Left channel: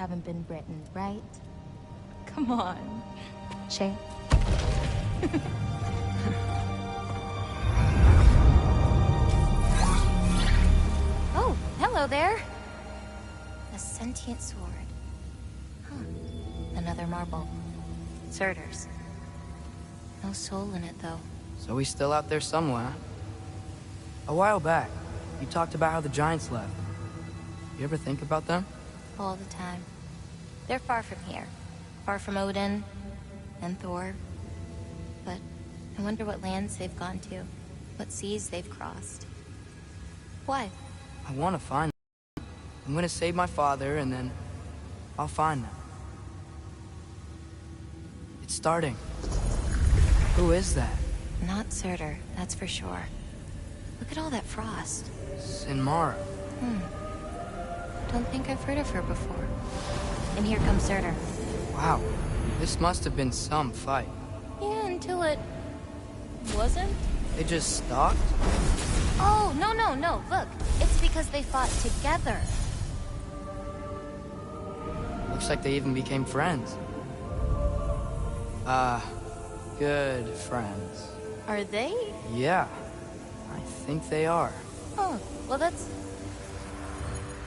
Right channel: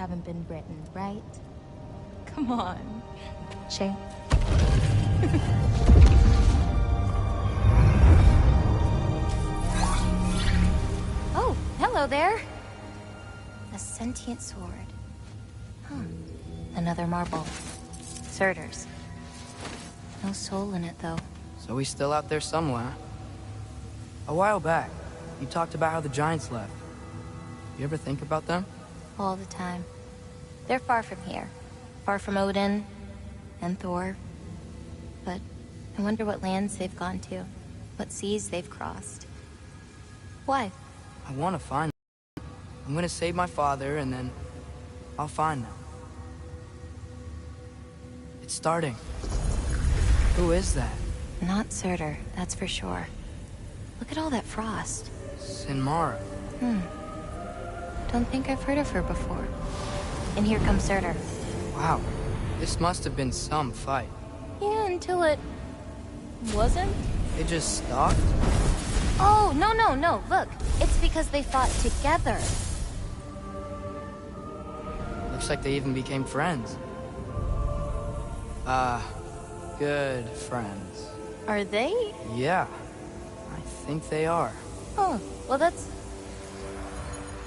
haven't been Britain, right? Come on. Shay. Oh, hello there. A sentient sword. Huh. Another marble. Surtur's. No soul in it, though. So he's still out there somewhere. A while back, you talked about how the giants left. You ever think about them? All the time. They're far from here. Far from Odin and Thor. But I wonder what lands they've gone to. What seas they've crossed. Why? I want to find them. I'm gonna save my father, and then I'll find them. It's starting. Who is that? Not Surtur, that's for sure. Look at all that frost. Sinmara. Don't think I've heard of her before. And here comes Surtur. Wow. This must have been some fight. Yeah, until it... wasn't? They just stopped? Oh, no. Look, it's because they fought together. Looks like they even became friends. Good friends. Are they? Yeah, I think they are. Oh, well that's...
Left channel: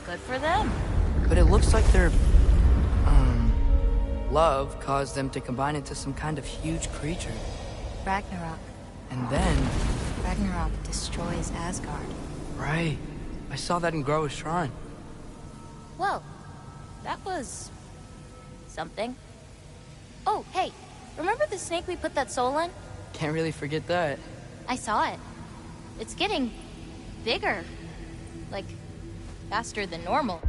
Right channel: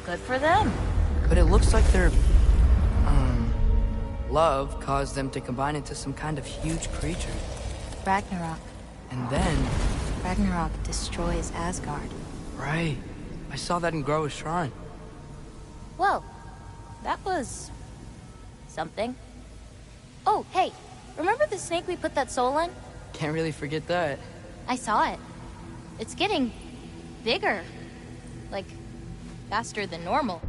good for them. But it looks like their... love caused them to combine into some kind of huge creature. Ragnarok. And then... Ragnarok destroys Asgard. Right. I saw that in Groa's shrine. Well, that was... something. Oh, hey, remember the snake we put that soul in? Can't really forget that. I saw it. It's getting... bigger. Like, faster than normal.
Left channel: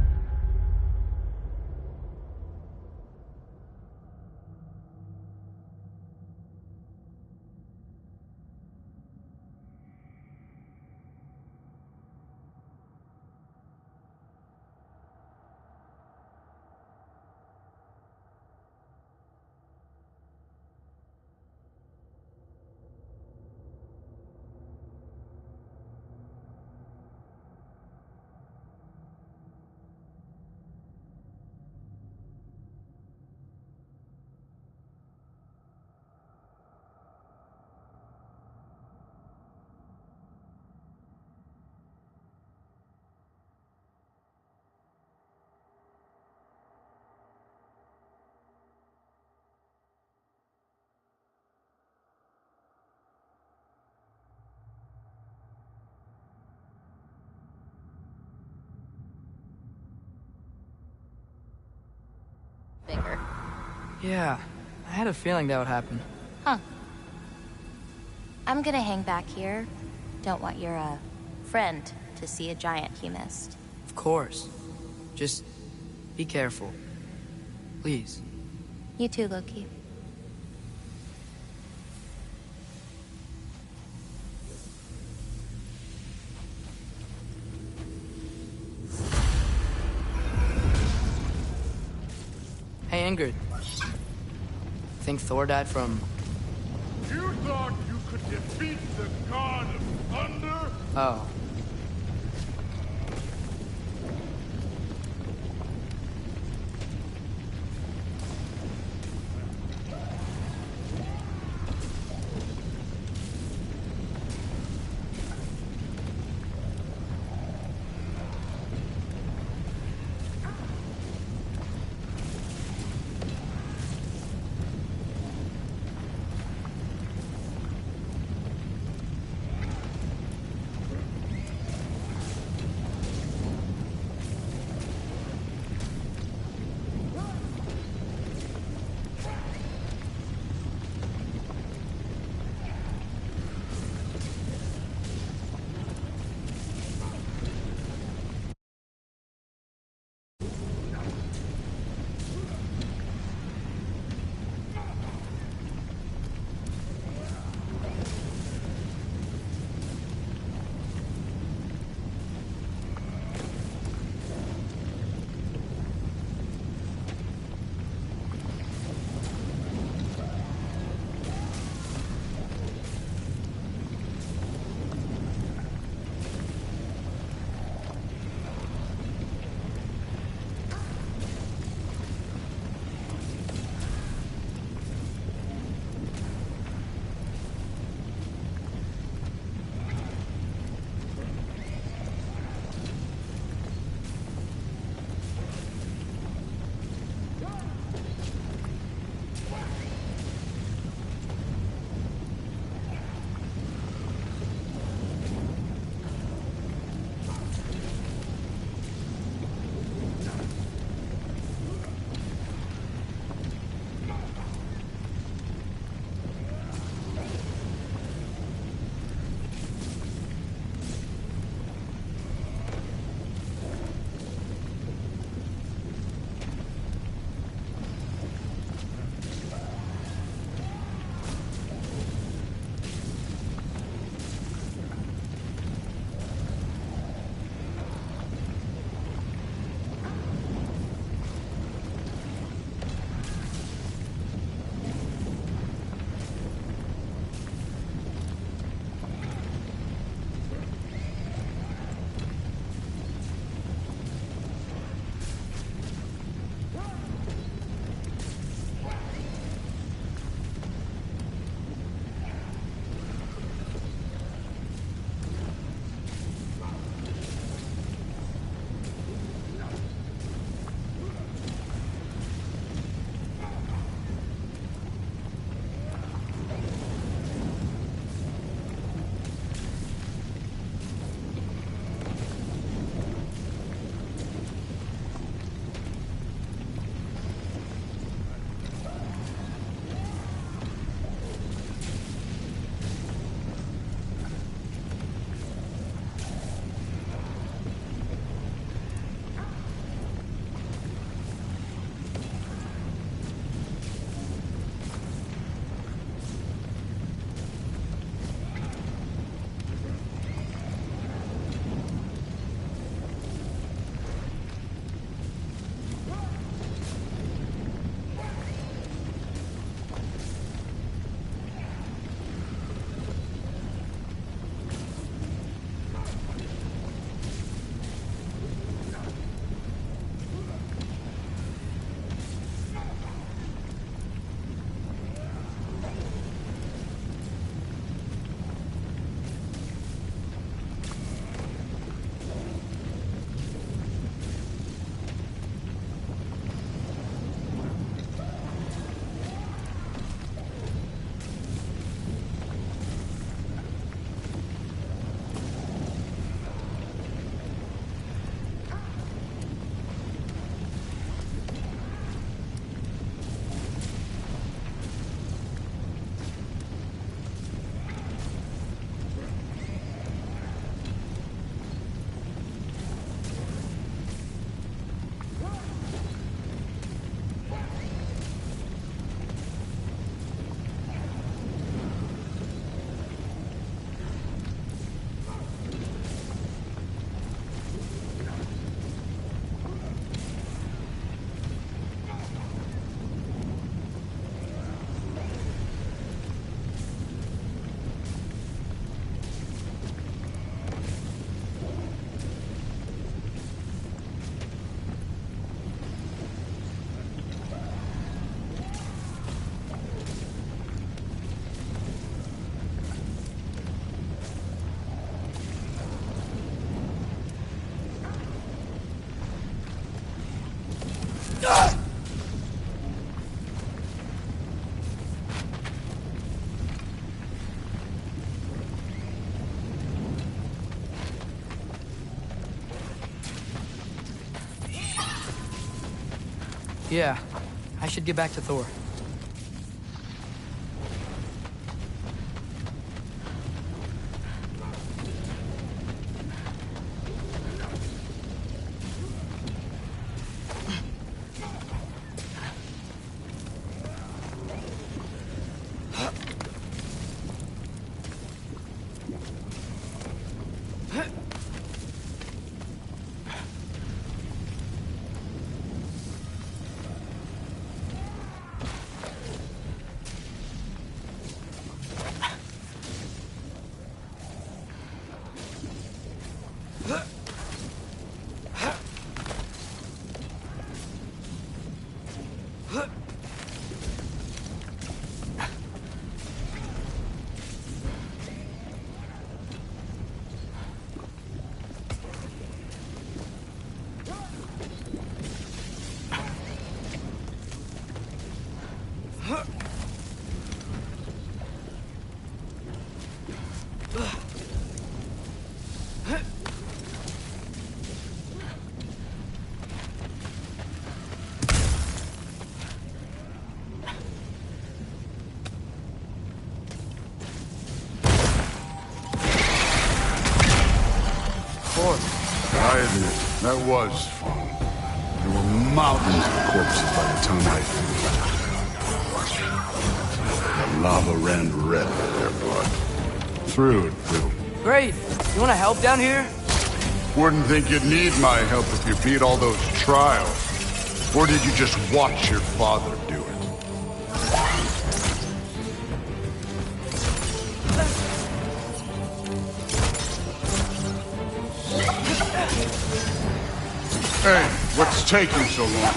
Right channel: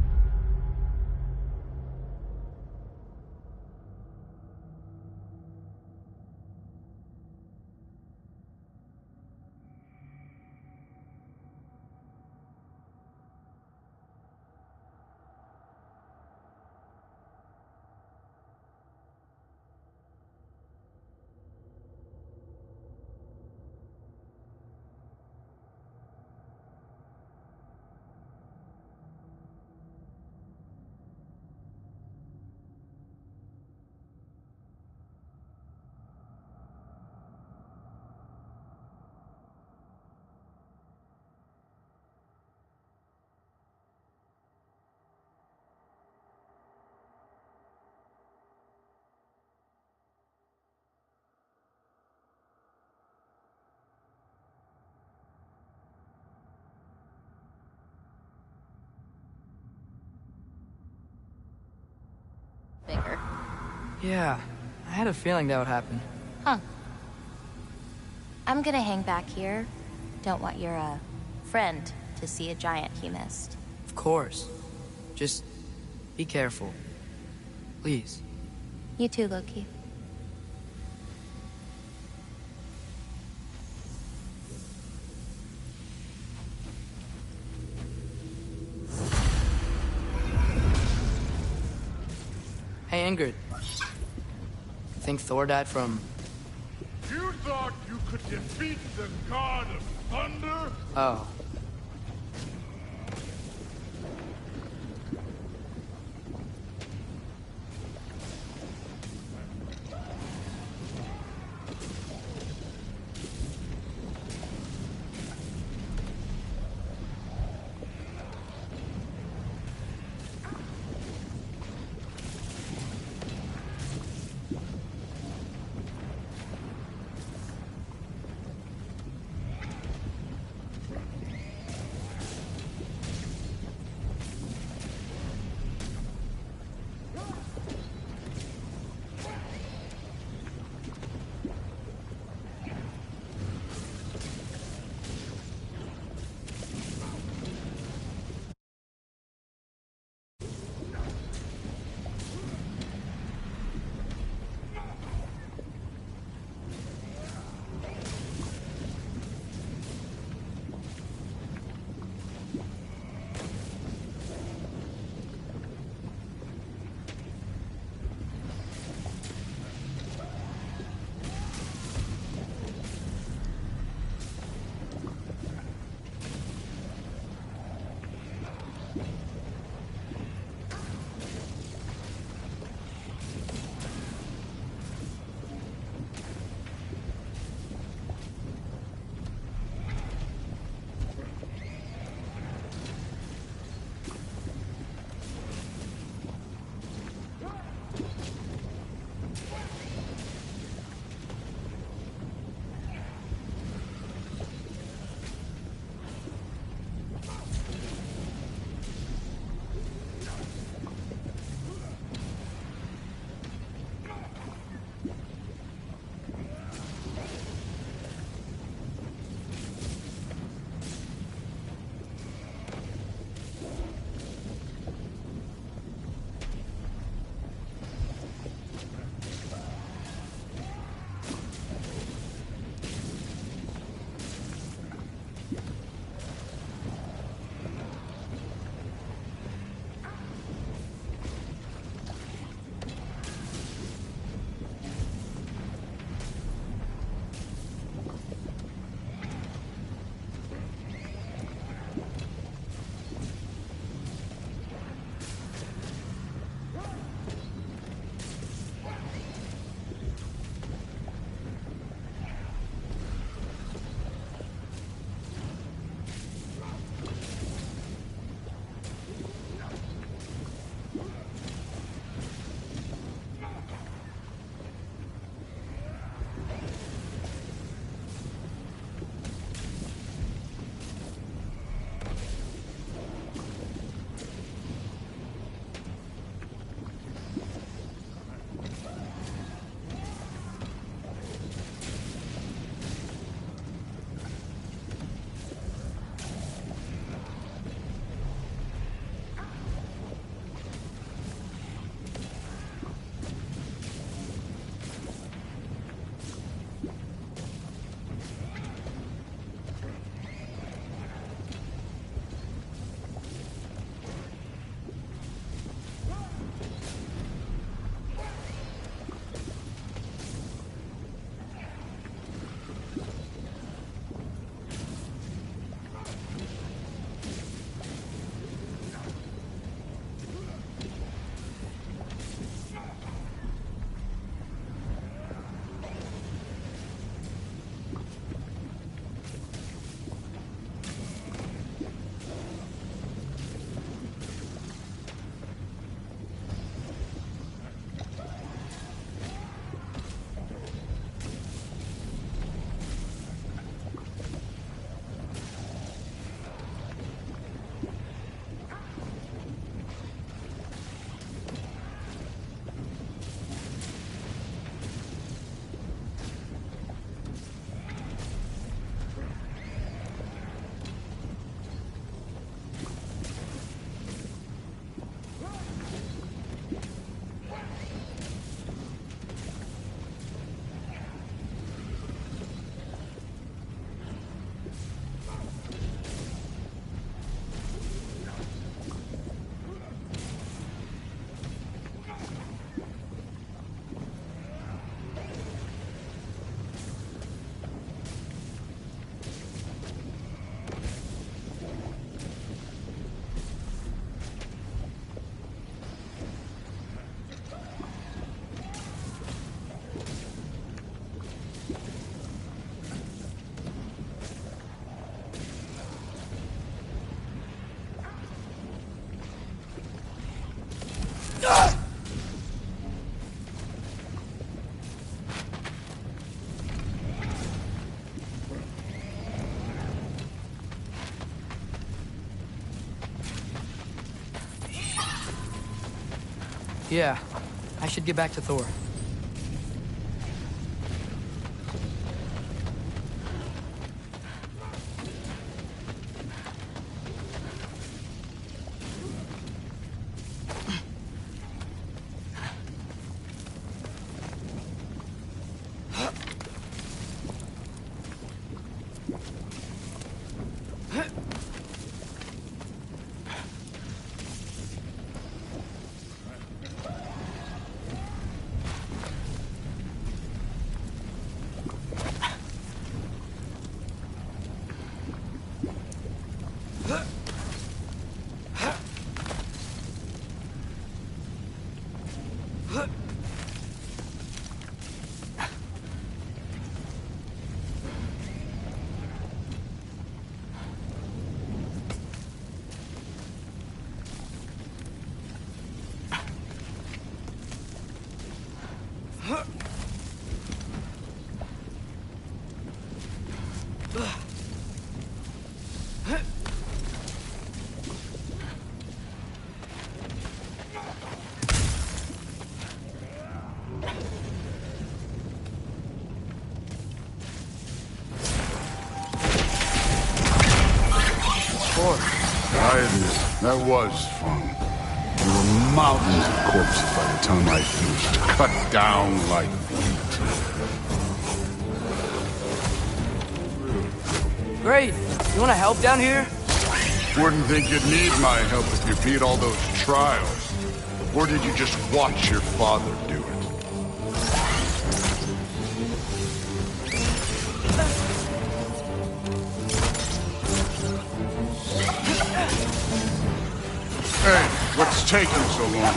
Bigger. Yeah, I had a feeling that would happen. Huh. I'm gonna hang back here. Don't want your, friend to see a giant he missed. Of course. Just be careful. Please. You too, Loki. Hey, Ingrid. Think Thor died from... You thought you could defeat the god of thunder? Oh. Yeah, I should get back to Thor. I admit, that was fun. There were mountains of corpses by the time I finished. Cut down like the lava ran red by their blood. Through it, little. Great! You wanna help down here? Wouldn't think you'd need my help if you beat all those trials. Or did you just watch your father do it? Hey, what's taking so long?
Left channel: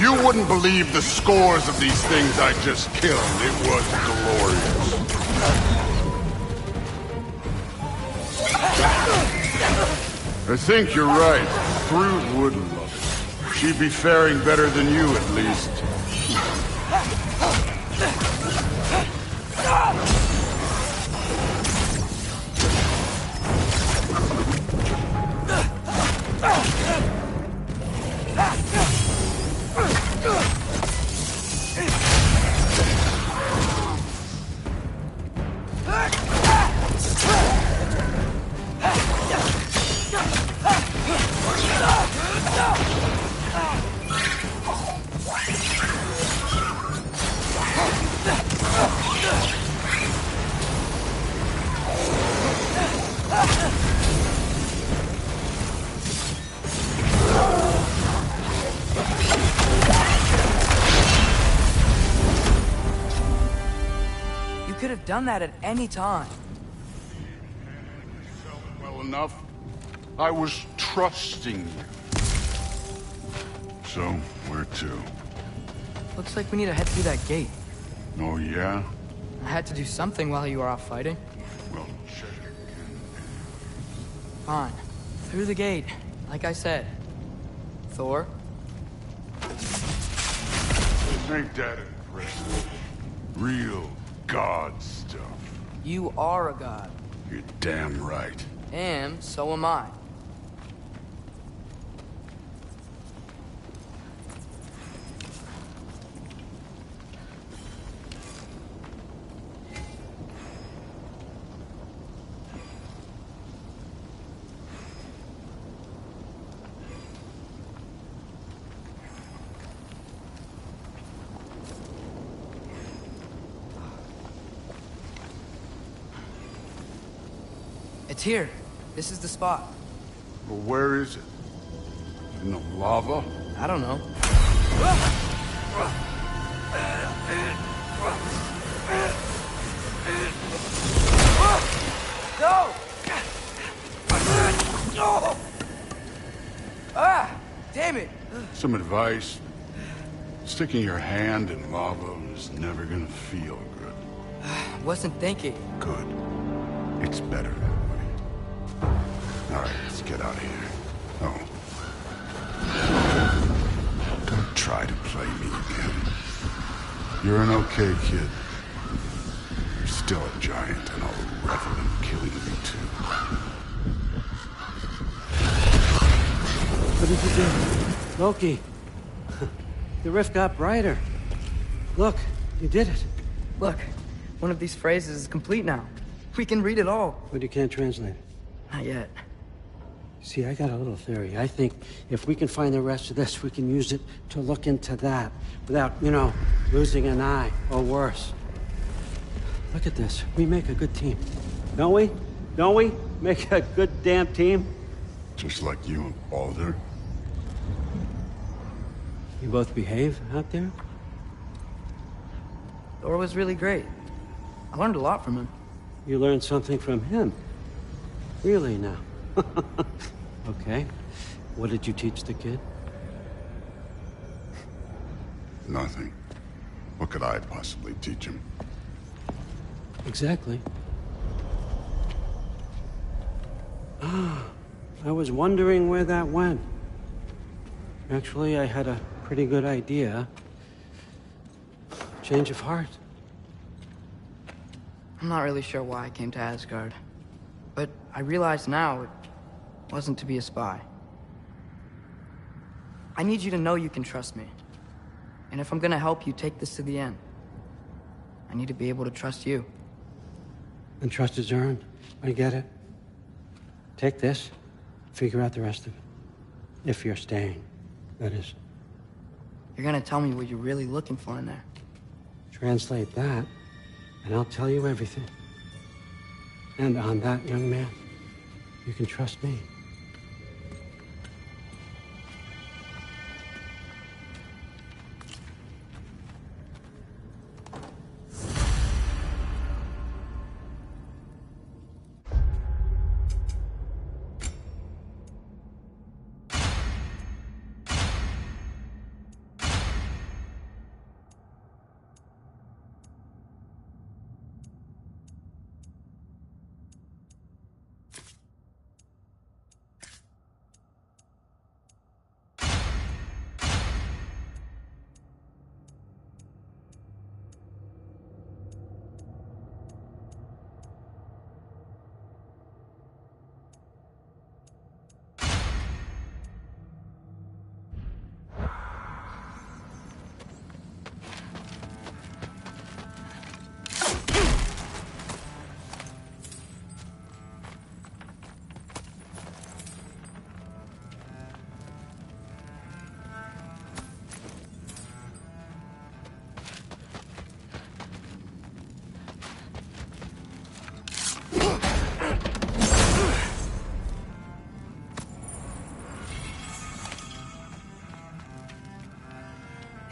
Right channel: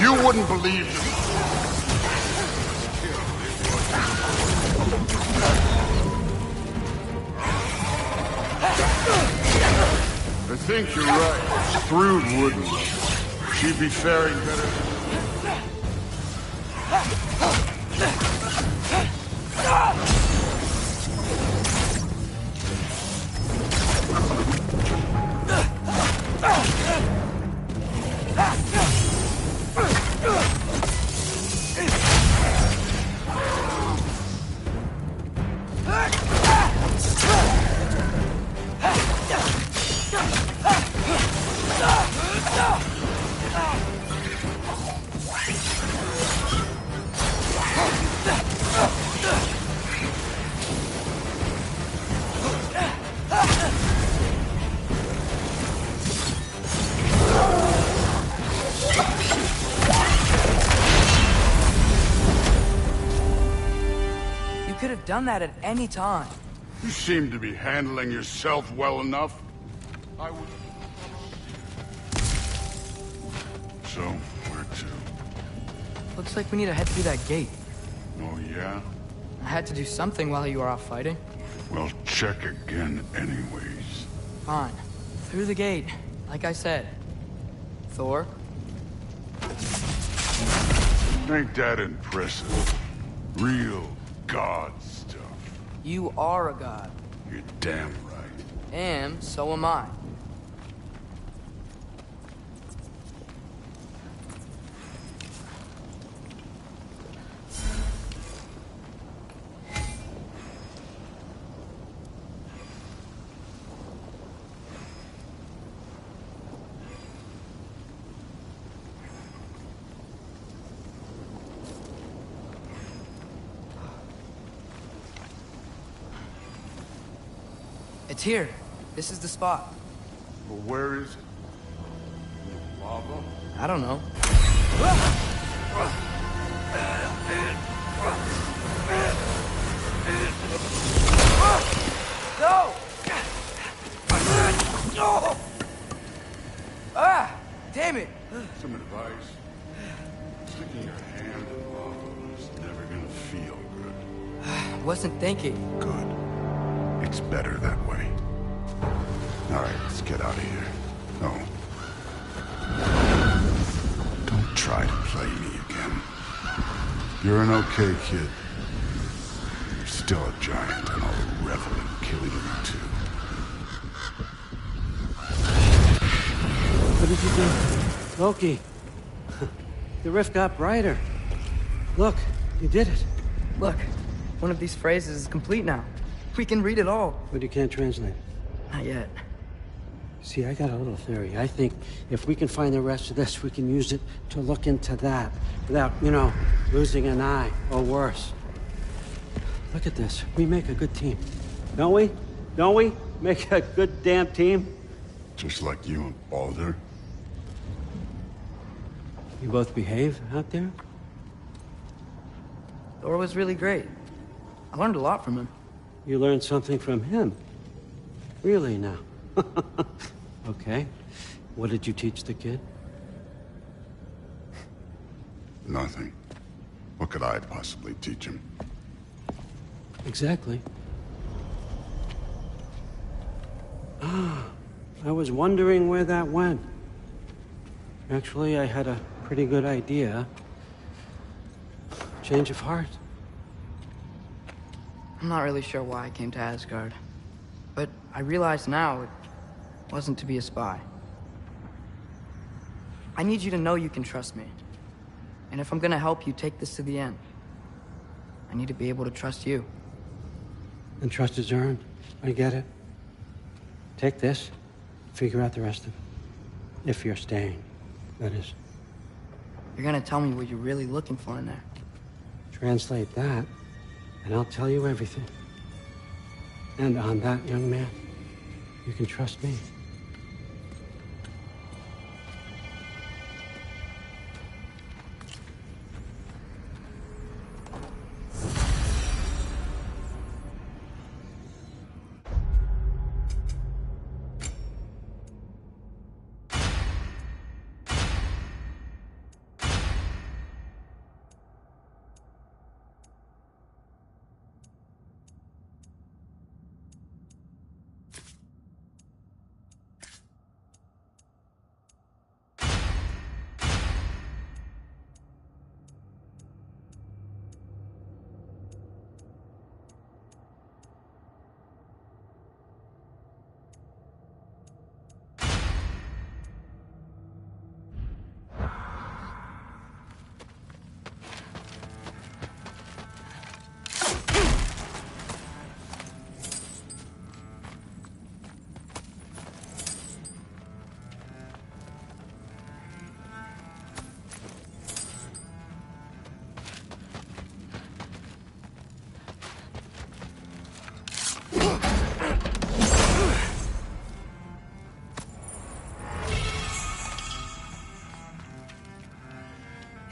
You wouldn't believe the scores of these things I just killed. It was glorious. I think you're right. Thrud wouldn't love it. She'd be faring better than you, at least. Could have done that at any time. You seem to be handling yourself well enough. I was trusting you. So, where to? Looks like we need to head through that gate. Oh, yeah? I had to do something while you were off fighting. Well, check again anyways. Fine. Through the gate, like I said. Thor? Ain't that impressive? Real god stuff. You are a god. You're damn right. And so am I. It's here. This is the spot. Well, where is it? In the lava? I don't know. No! Ah! Damn it! Some advice. Sticking your hand in lava is never gonna feel good. Wasn't thinking. Good. It's better that way. Alright, let's get out of here. Oh. Don't try to play me again. You're an okay kid. You're still a giant, and I'll revel in killing you too. What did you do? Loki. The rift got brighter. Look, you did it. Look, one of these phrases is complete now. We can read it all. But you can't translate it. Not yet. See, I got a little theory. I think if we can find the rest of this, we can use it to look into that without, you know, losing an eye or worse. Look at this. We make a good team. Don't we? Don't we? Make a good damn team? Just like you and Baldur. You both behave out there? Thor was really great. I learned a lot from him. You learned something from him? Really now? Okay. What did you teach the kid? Nothing. What could I possibly teach him? Exactly. Ah, I was wondering where that went. Actually, I had a pretty good idea. Change of heart. I'm not really sure why I came to Asgard. But I realize now it wasn't to be a spy. I need you to know you can trust me. And if I'm gonna help you take this to the end, I need to be able to trust you. And trust is earned. I get it. Take this, figure out the rest of it. If you're staying, that is. You're gonna tell me what you're really looking for in there. Translate that, and I'll tell you everything. And on that, young man, you can trust me.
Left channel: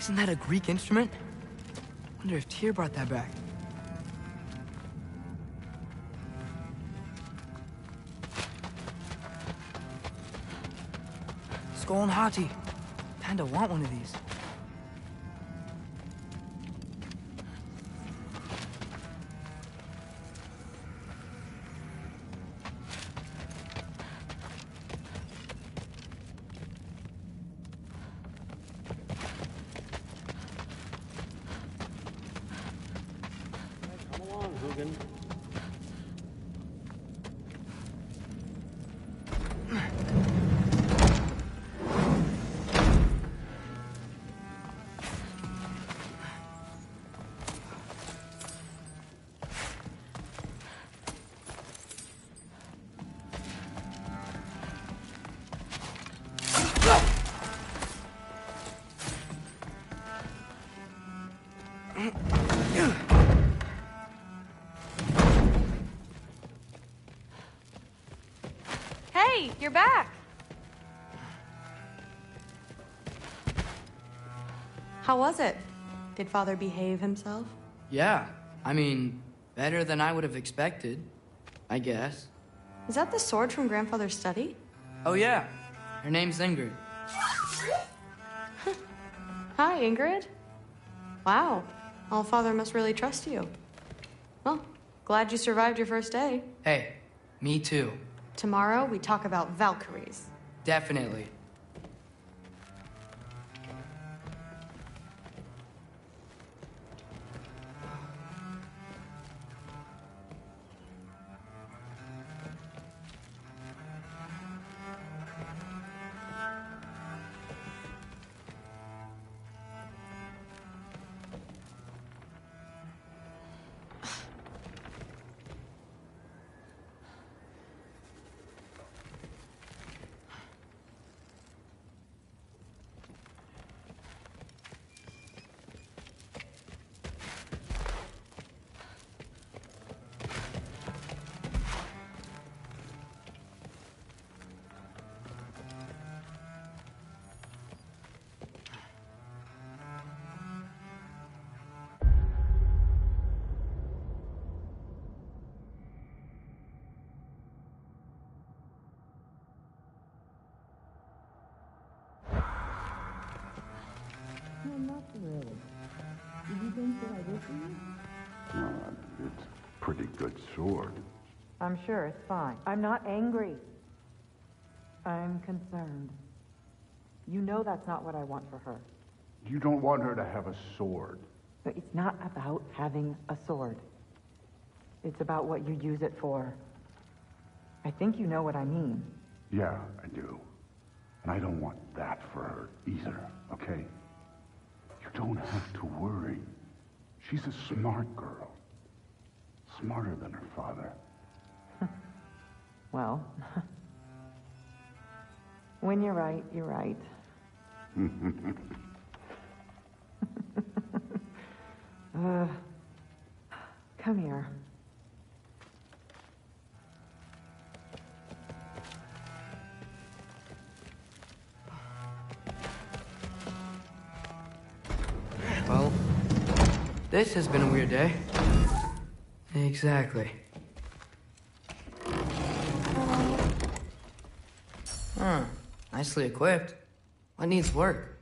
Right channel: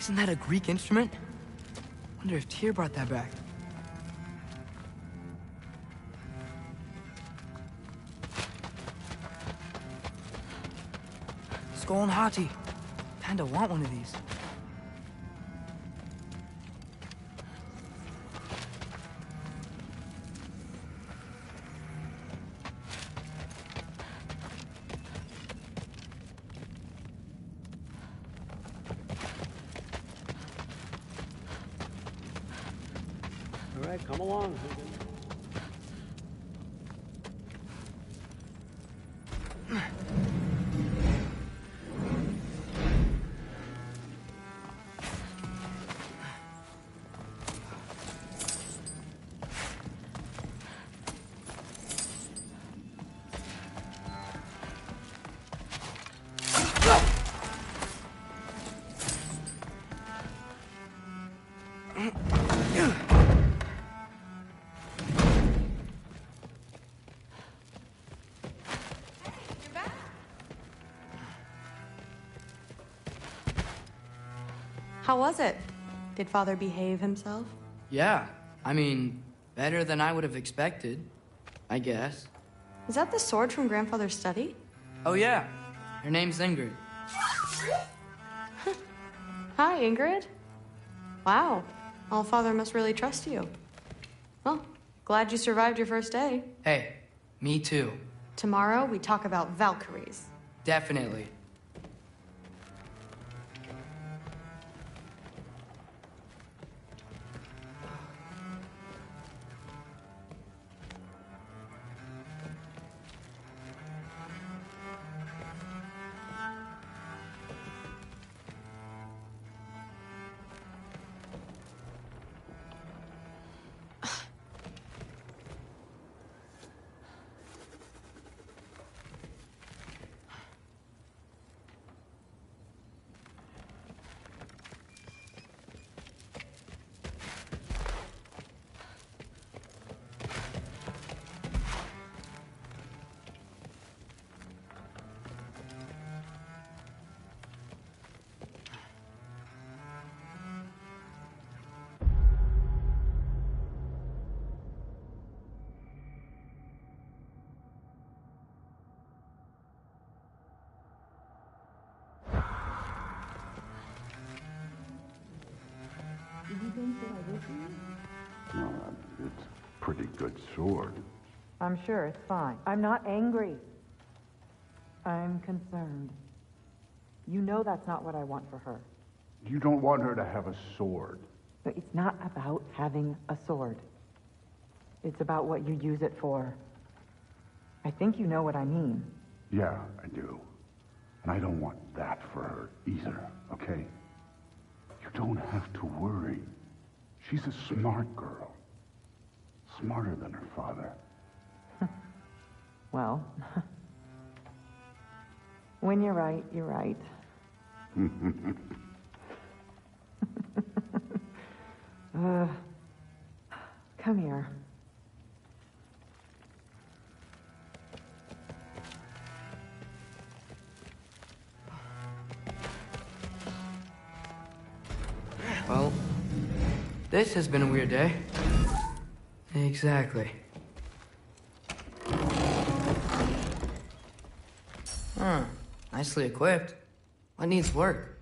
Isn't that a Greek instrument? Wonder if Tyr brought that back. Skull and Hati. Kinda want one of these. Come along, Hugin. you're back. How was it? Did Father behave himself? Yeah, I mean, better than I would have expected, I guess. Is that the sword from Grandfather's study? Oh yeah, her name's Ingrid. Hi, Ingrid. Wow, Allfather must really trust you. Well, glad you survived your first day. Hey, me too. Tomorrow, we talk about Valkyries. Definitely. Well, it's a pretty good sword. I'm sure it's fine. I'm not angry. I'm concerned. You know that's not what I want for her. You don't want her to have a sword. But it's not about having a sword. It's about what you use it for. I think you know what I mean. Yeah, I do. And I don't want that for her either, okay? You don't have to worry. She's a smart girl. Smarter than her father. Well, when you're right, you're right. Come here. Well, this has been a weird day. Exactly. Huh. Nicely equipped. What needs work?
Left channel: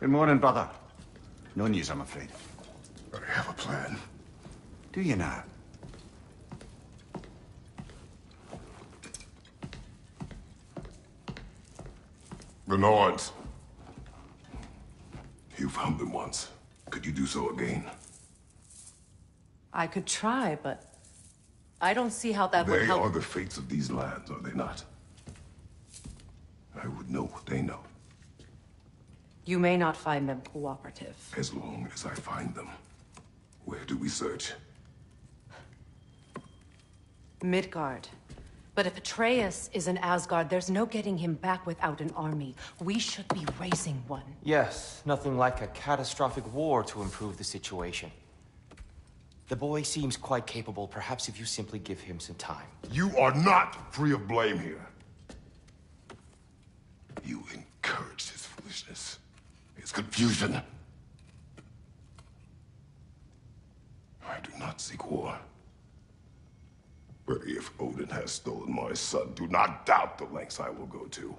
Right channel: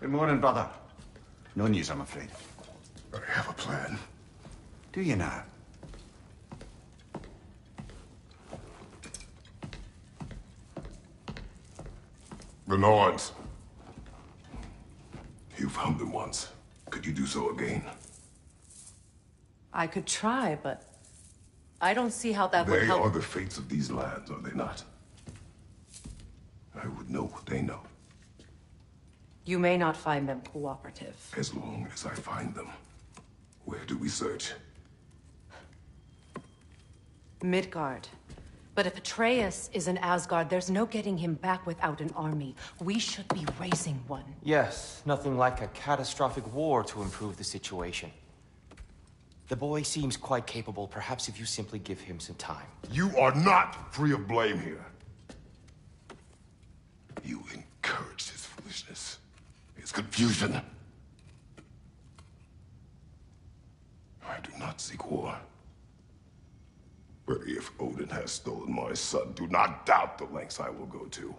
Good morning, brother. No news, I'm afraid. I have a plan. Do you now? The Nords. You found them once. Could you do so again? I could try, but I don't see how that would They help. are the fates of these lands, are they not? I would know what they know. You may not find them cooperative. As long as I find them. Where do we search? Midgard. But if Atreus is in Asgard, there's no getting him back without an army. We should be raising one. Yes, nothing like a catastrophic war to improve the situation. The boy seems quite capable. Perhaps if you simply give him some time. You are not free of blame here. You encouraged his foolishness, his confusion. I do not seek war. But if Odin has stolen my son, do not doubt the lengths I will go to.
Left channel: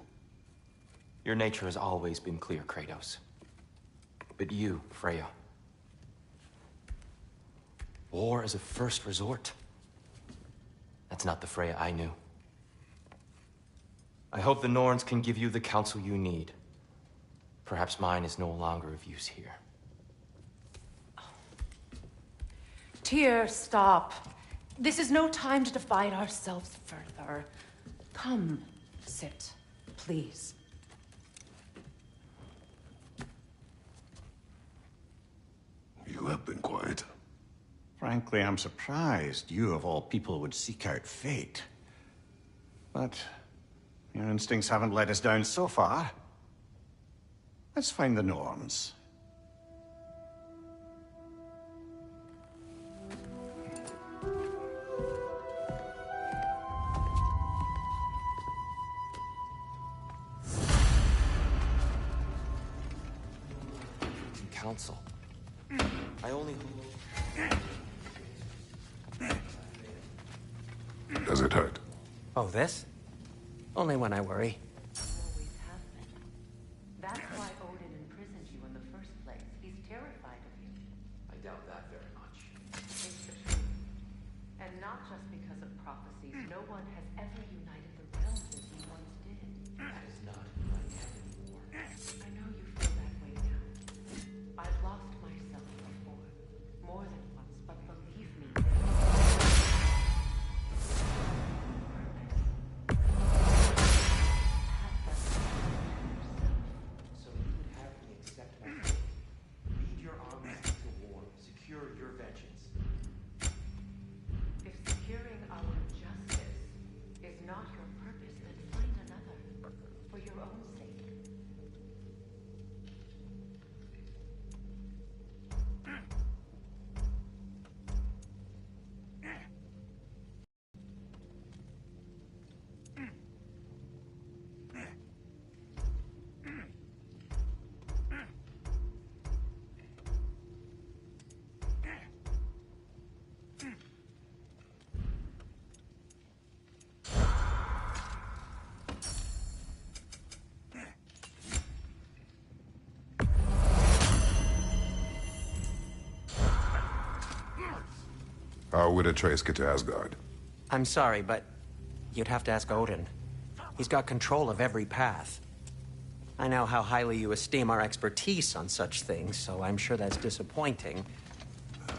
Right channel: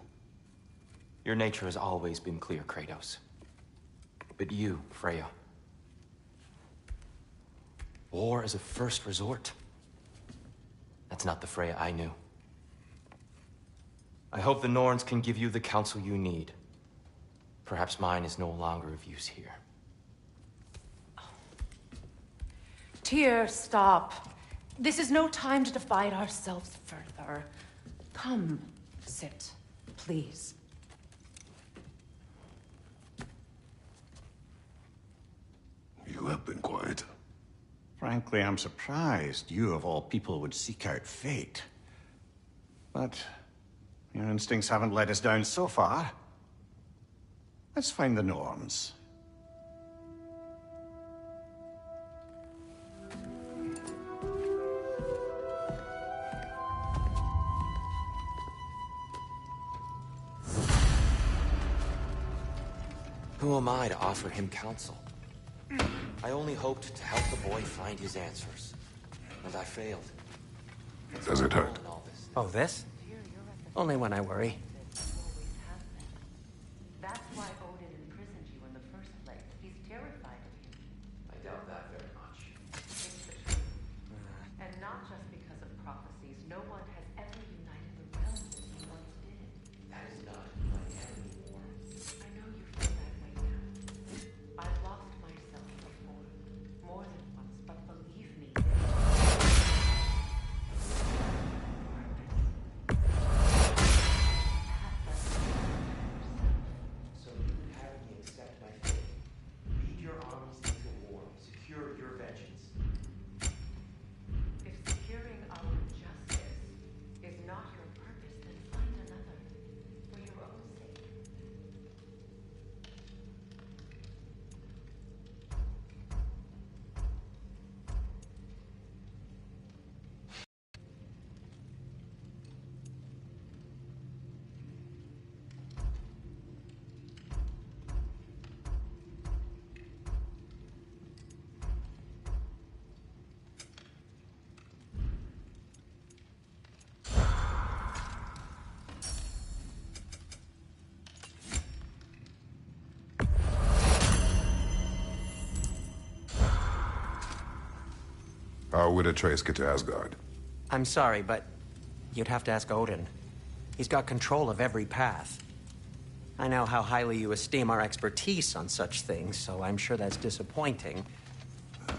Your nature has always been clear, Kratos. But you, Freya. War is a first resort. That's not the Freya I knew. I hope the Norns can give you the counsel you need. Perhaps mine is no longer of use here. Tyr, stop. This is no time to divide ourselves further. Come, sit, please. You have been quiet. Frankly, I'm surprised you, of all people, would seek out fate. But your instincts haven't let us down so far. Let's find the Norns. Who am I to offer him counsel? I only hoped to help the boy find his answers. But I failed. Does it hurt? Oh, this? Only when I worry. Always have been. That's why Odin imprisoned you in the first place. He's terrified of you. I doubt that very much. It's the truth. And not just because of prophecies. No one has ever united the realms as you once did. That is not who I am anymore. I know you feel that way now. I've lost myself before. More than once, but believe me, So you would have me accept my fate. Lead your armies into war. Secure your vengeance. if securing our justice is not your purpose, then find another. For your own sake. How would Atreus get to Asgard? I'm sorry, but you'd have to ask Odin. He's got control of every path. I know how highly you esteem our expertise on such things, so I'm sure that's disappointing.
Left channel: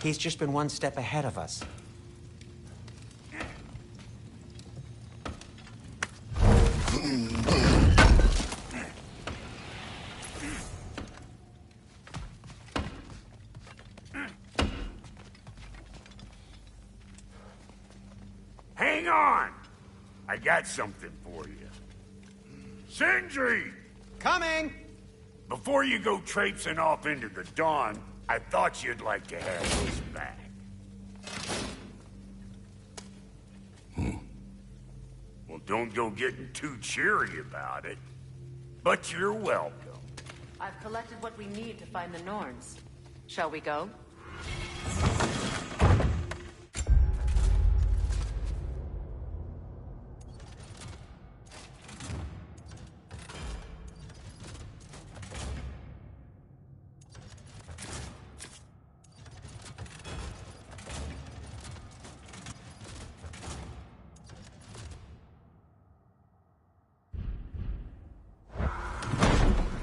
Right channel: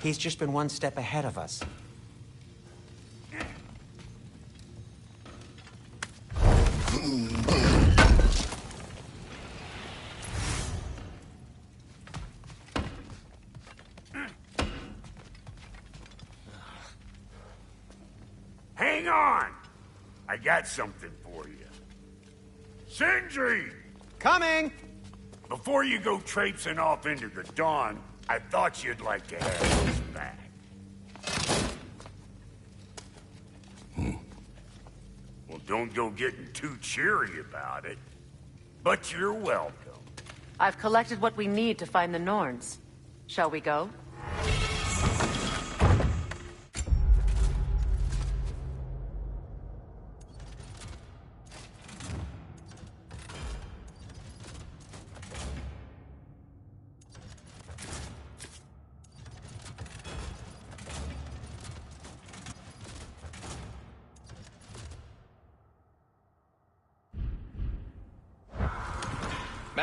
He's just been one step ahead of us. Hang on! I got something for you. Sindri! Coming! Before you go traipsing off into the dawn, I thought you'd like to have this back. Well, don't go getting too cheery about it. But you're welcome. I've collected what we need to find the Norns. Shall we go?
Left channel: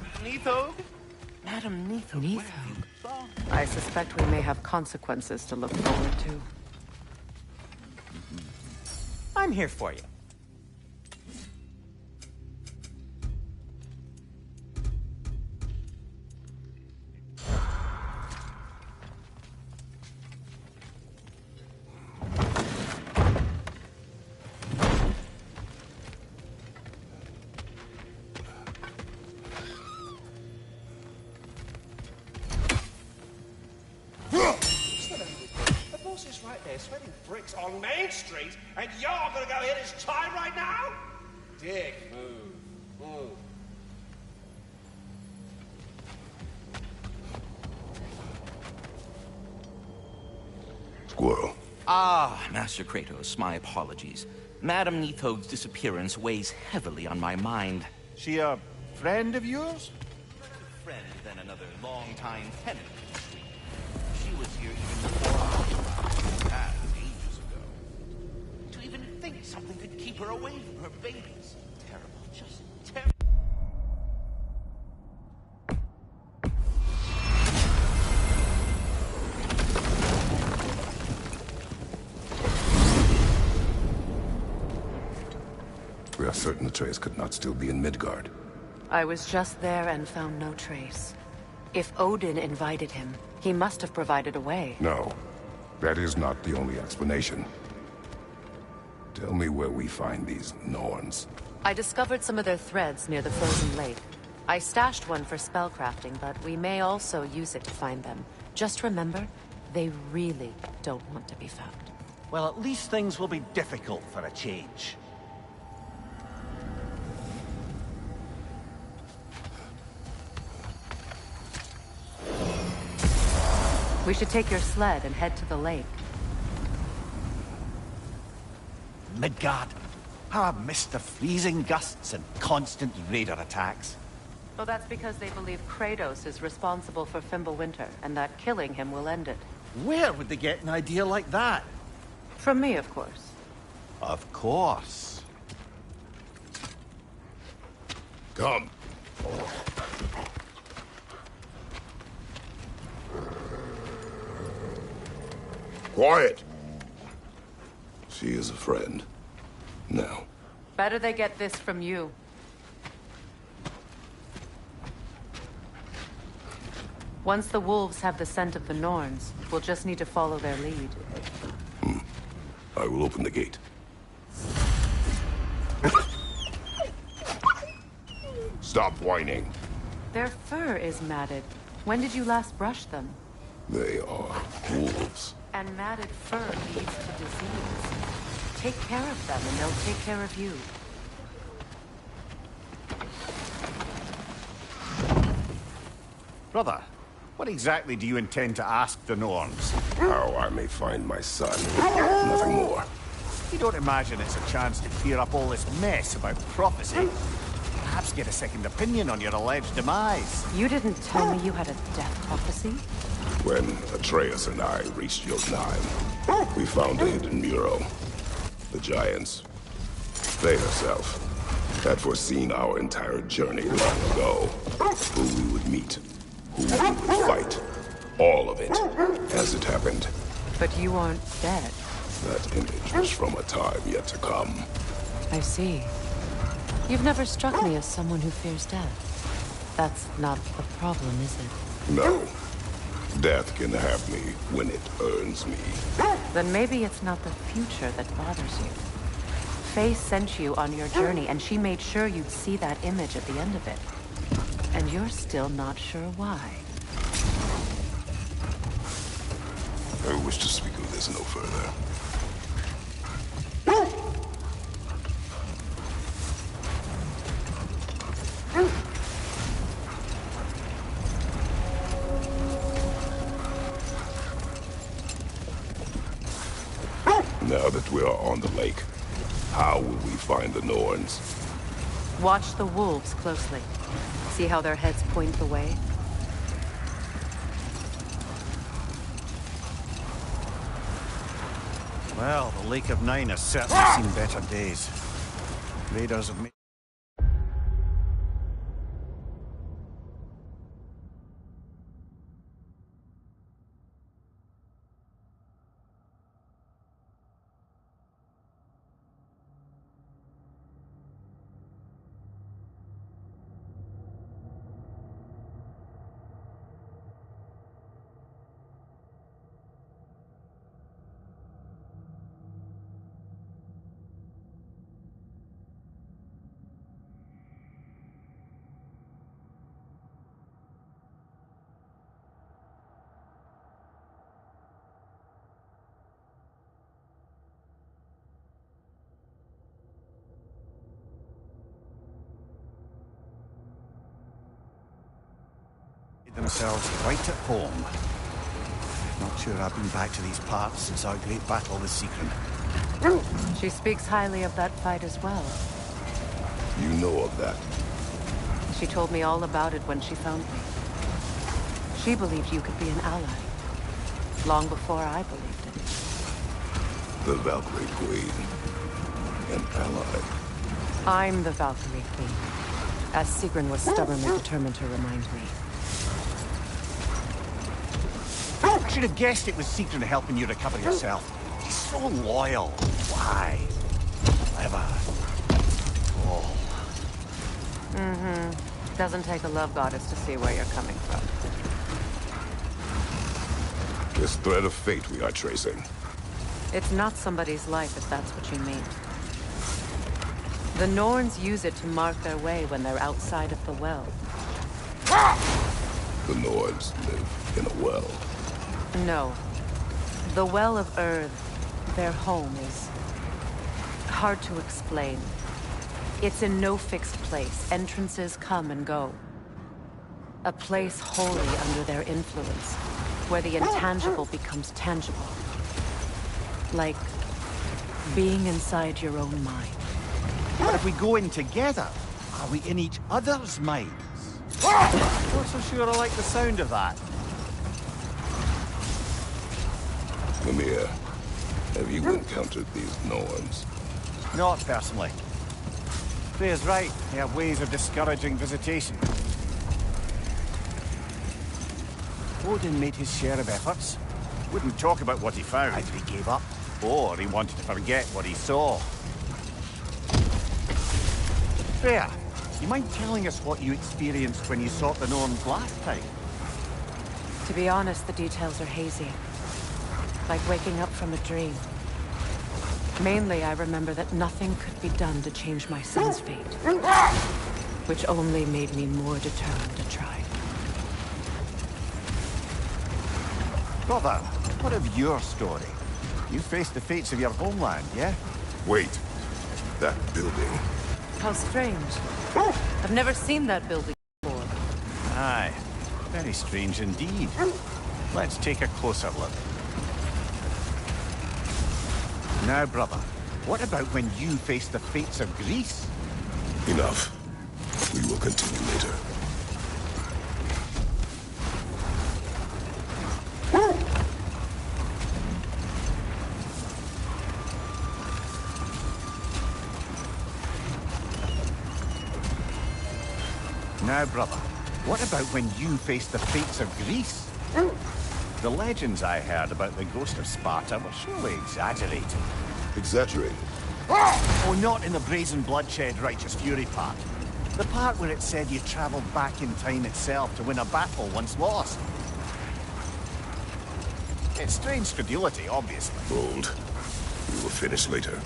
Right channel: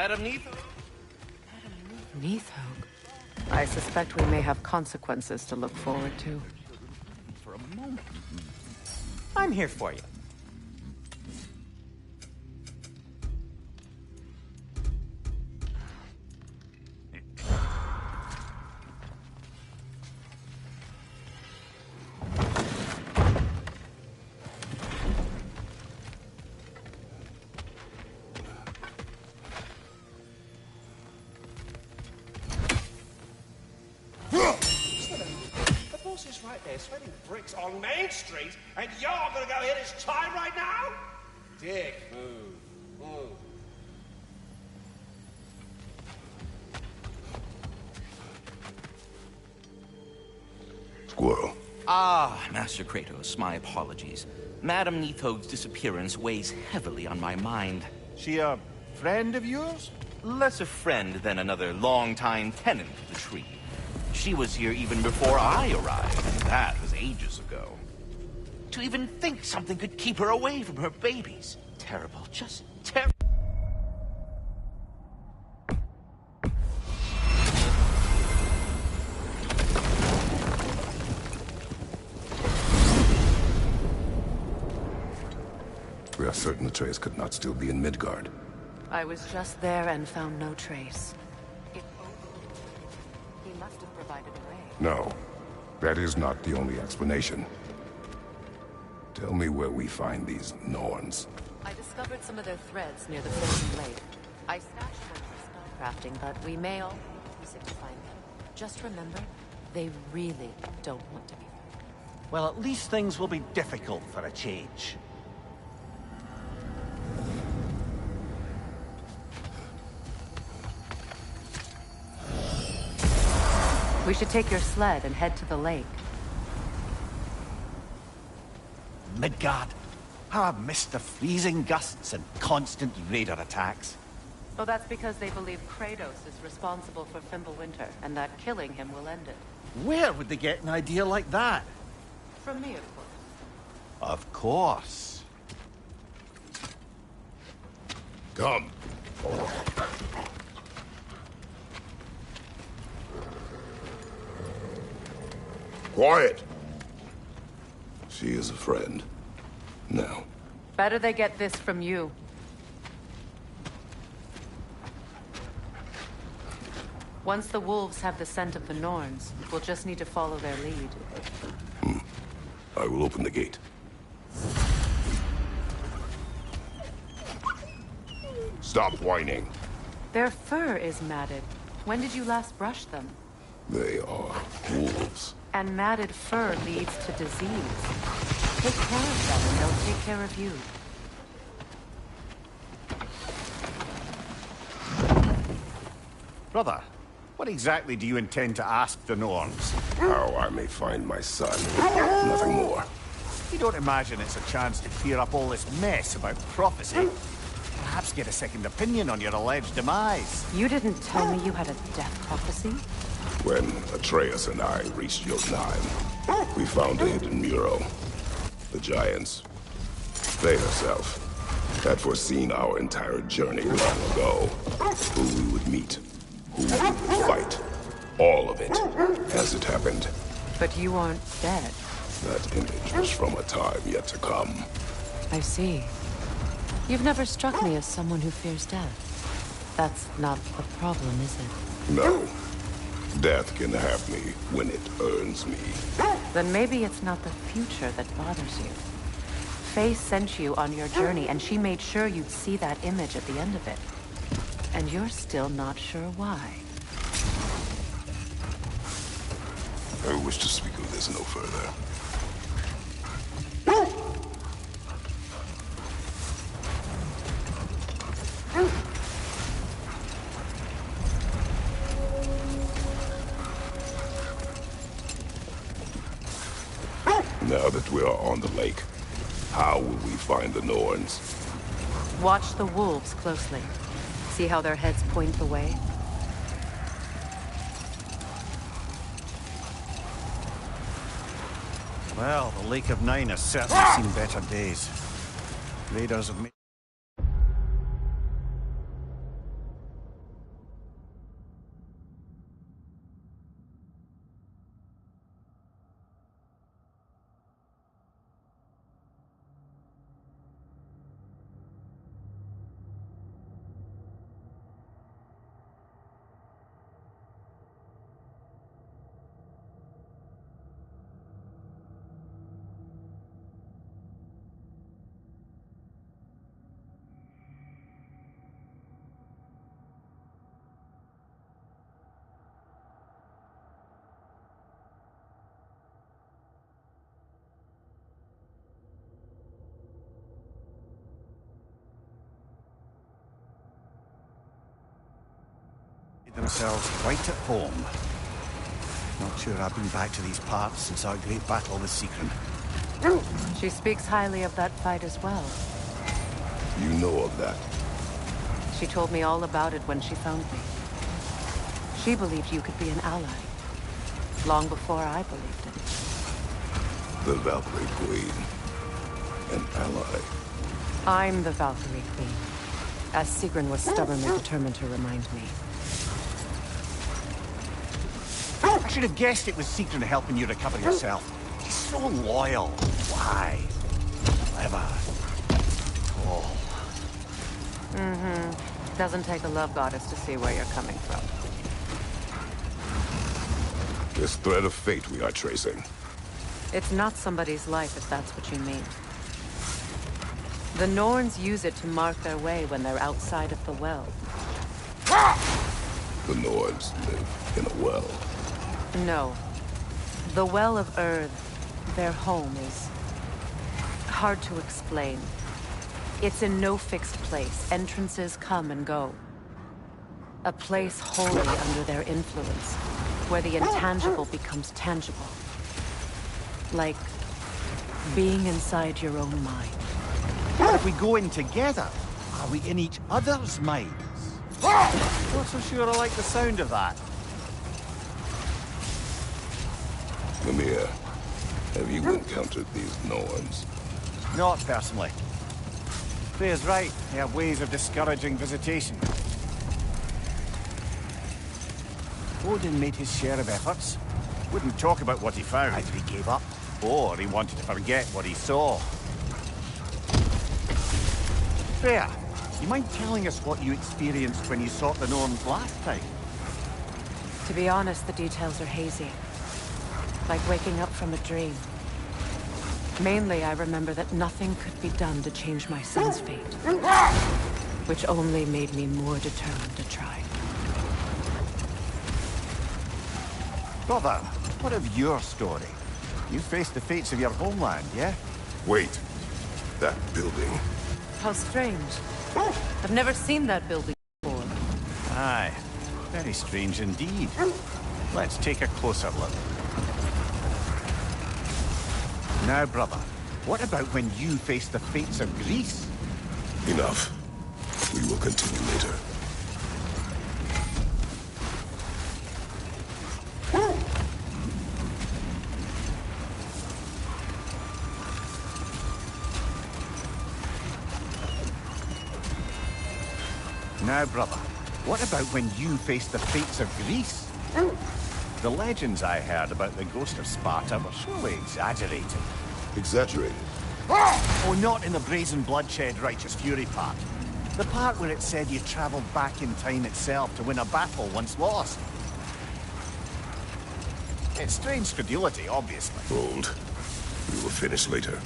Madam Nithog? Madam Nithog. Nithog. I suspect we may have consequences to look forward to. I'm here for you. Right there, sweating bricks on Main Street, and you're gonna go hit his time right now? Dick, move. Squirrel. Ah, Master Kratos, my apologies. Madam Nithog's disappearance weighs heavily on my mind. She a friend of yours? Less a friend than another long-time tenant of the tree. She was here even before I arrived, and that was ages ago. To even think something could keep her away from her babies. Terrible, just terrible. We are certain Atreus could not still be in Midgard. I was just there and found no trace. If Odin invited him, he must have provided a way. No, that is not the only explanation. Tell me where we find these Norns. I discovered some of their threads near the frozen lake. I stashed one for spellcrafting, but we may also use it to find them. Just remember, they really don't want to be found. Well, at least things will be difficult for a change. We should take your sled and head to the lake. Midgard. How I've missed the freezing gusts and constant raider attacks. Oh, that's because they believe Kratos is responsible for Fimbulwinter, and that killing him will end it. Where would they get an idea like that? From me, of course. Of course. Come. Quiet! She is a friend. Now. Better they get this from you. Once the wolves have the scent of the Norns, we'll just need to follow their lead. I will open the gate. Stop whining. Their fur is matted. When did you last brush them? They are wolves. And matted fur leads to disease. Take care of them and they'll take care of you. Brother, what exactly do you intend to ask the Norns? How I may find my son. Nothing more. You don't imagine it's a chance to clear up all this mess about prophecy? Perhaps get a second opinion on your alleged demise. You didn't tell me you had a death prophecy? When Atreus and I reached Jotunheim, we found a hidden mural. The giants, they herself, had foreseen our entire journey long ago. Who we would meet, who we would fight. All of it, as it happened. But you aren't dead. That image was from a time yet to come. I see. You've never struck me as someone who fears death. That's not the problem, is it? No. Death can have me when it earns me. Then maybe it's not the future that bothers you. Faye sent you on your journey, and she made sure you'd see that image at the end of it. And you're still not sure why. I wish to speak of this no further. Now that we are on the lake, how will we find the Norns? Watch the wolves closely. See how their heads point the way? Well, the Lake of Nine has certainly seen better days. Raiders have made... themselves quite at home. Not sure I've been back to these parts since our great battle with Secret. She speaks highly of that fight as well. You know of that? She told me all about it when she found me. She believed you could be an ally. Long before I believed it. The Valkyrie Queen. An ally. I'm the Valkyrie Queen. As Sigrun was stubbornly determined to remind me. I should have guessed it was Secret helping you recover yourself. She's so loyal, wise, clever, tall. Doesn't take a love goddess to see where you're coming from. This thread of fate we are tracing. It's not somebody's life, if that's what you mean. The Norns use it to mark their way when they're outside of the well. The Norse live in a well. No. The Well of Earth, their home, is hard to explain. It's in no fixed place. Entrances come and go. A place wholly under their influence, where the intangible becomes tangible. Like being inside your own mind. But if we go in together, are we in each other's minds? Not so sure I like the sound of that. Mimir, have you encountered these Norns? Not personally. Freya's right. They have ways of discouraging visitation. Odin made his share of efforts. Wouldn't talk about what he found. Either he gave up, or he wanted to forget what he saw. Freya, you mind telling us what you experienced when you sought the Norns last time? To be honest, the details are hazy. Like waking up from a dream. Mainly, I remember that nothing could be done to change my son's fate. Which only made me more determined to try. Brother, what of your story? You faced the fates of your homeland, yeah? Wait. That building. How strange. I've never seen that building before. Aye. Very strange indeed. Let's take a closer look. Now, brother, what about when you face the fates of Greece? Enough. We will continue later. Now, brother, what about when you face the fates of Greece? The legends I heard about the ghost of Sparta were surely exaggerated. Exaggerated? Oh, not in the brazen bloodshed righteous fury part. The part where it said you travelled back in time itself to win a battle once lost. It's strange credulity, obviously. Hold. We will finish later.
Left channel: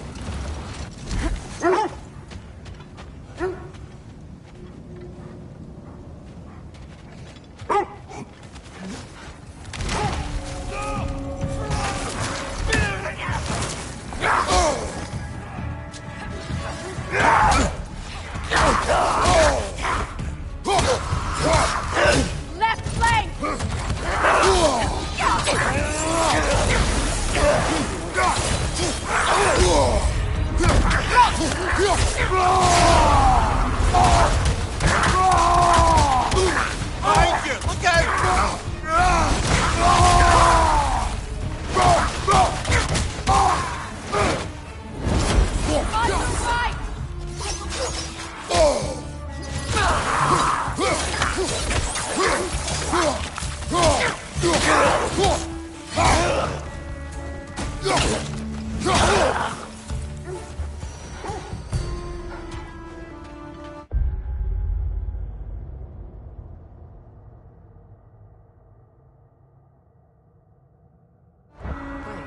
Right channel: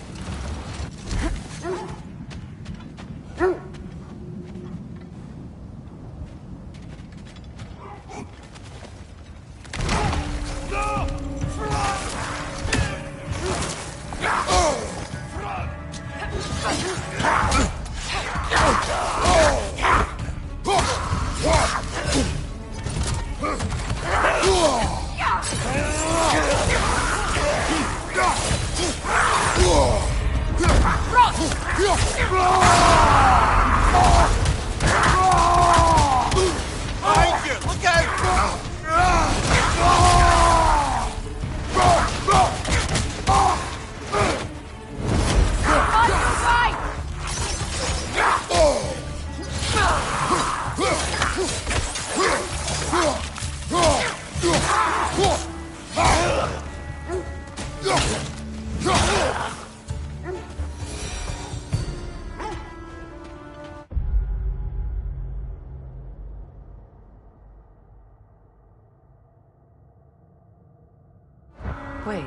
Wait.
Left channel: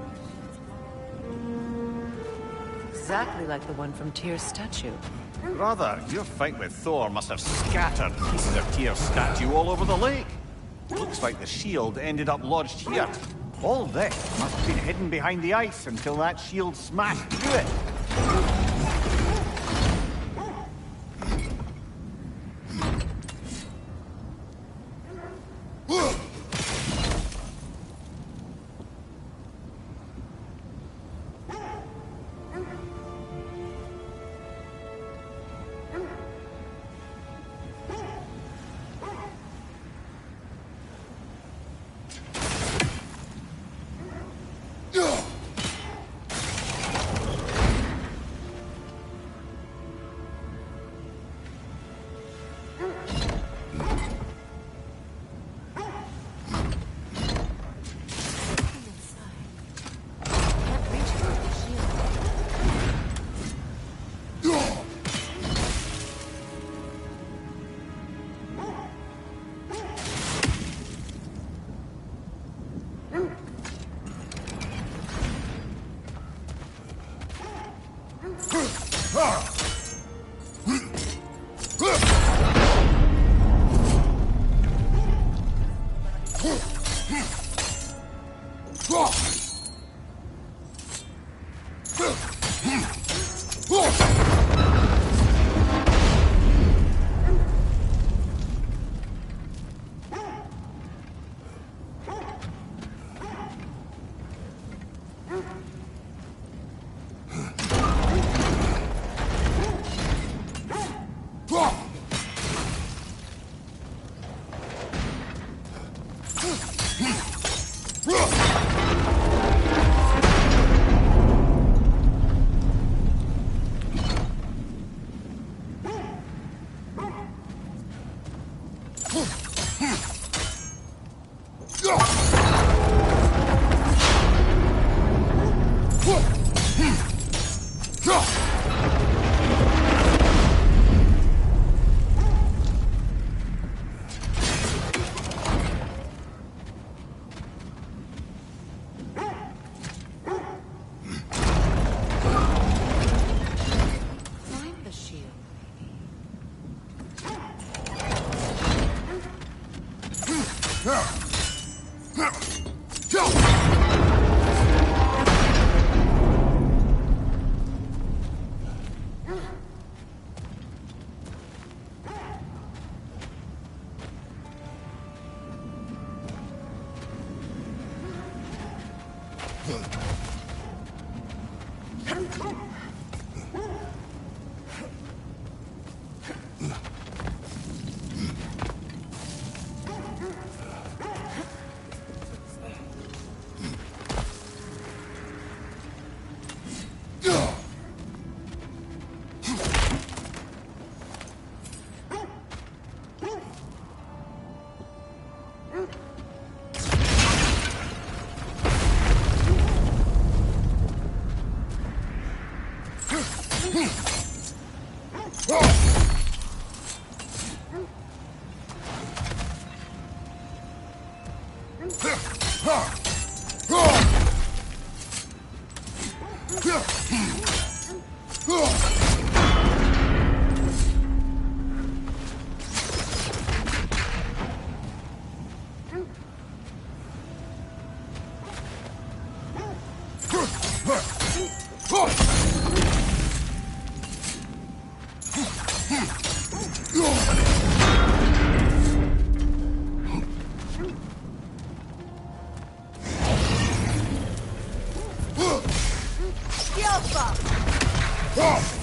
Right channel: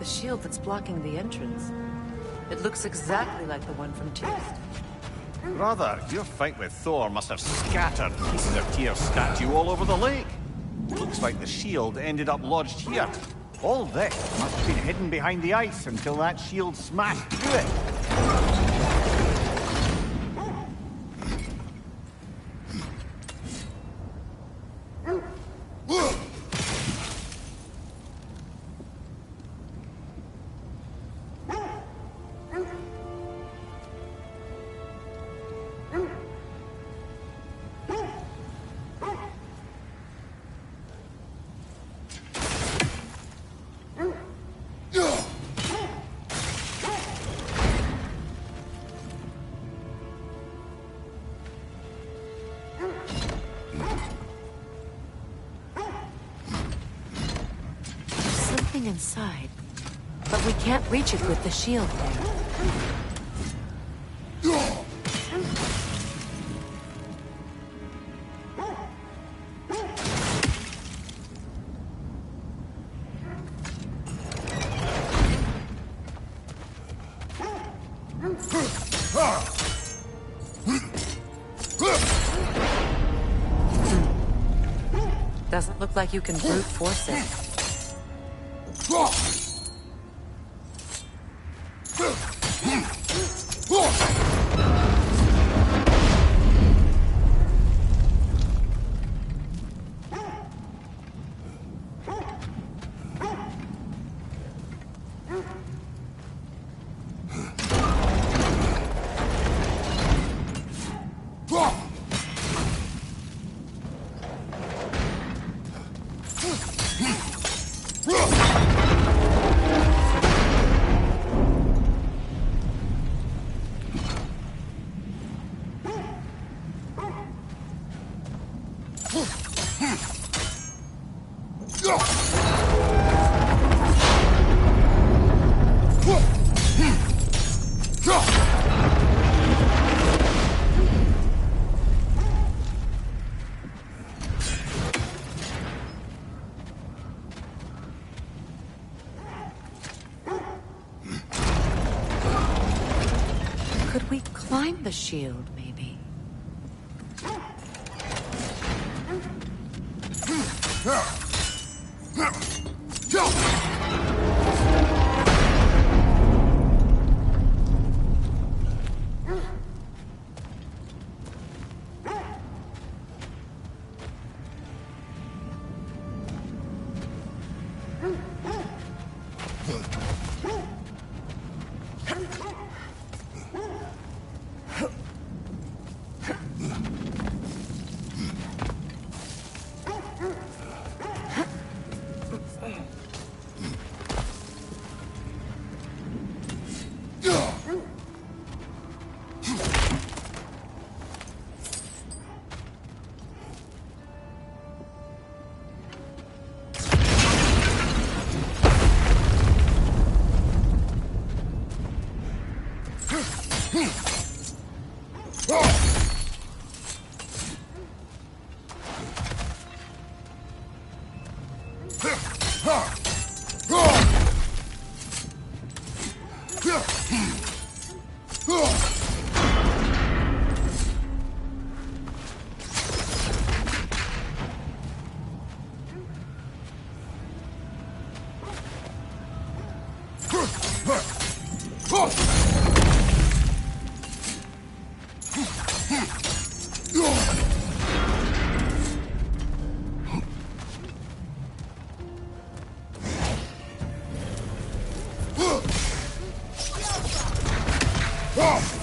The shield that's blocking the entrance. It looks exactly like the one from Tyr's statue. Brother, your fight with Thor must have scattered pieces of Tyr's statue all over the lake. Looks like the shield ended up lodged here. All this must have been hidden behind the ice until that shield smashed through it. inside. But we can't reach it with the shield. Doesn't look like you can brute force it. Shield, maybe.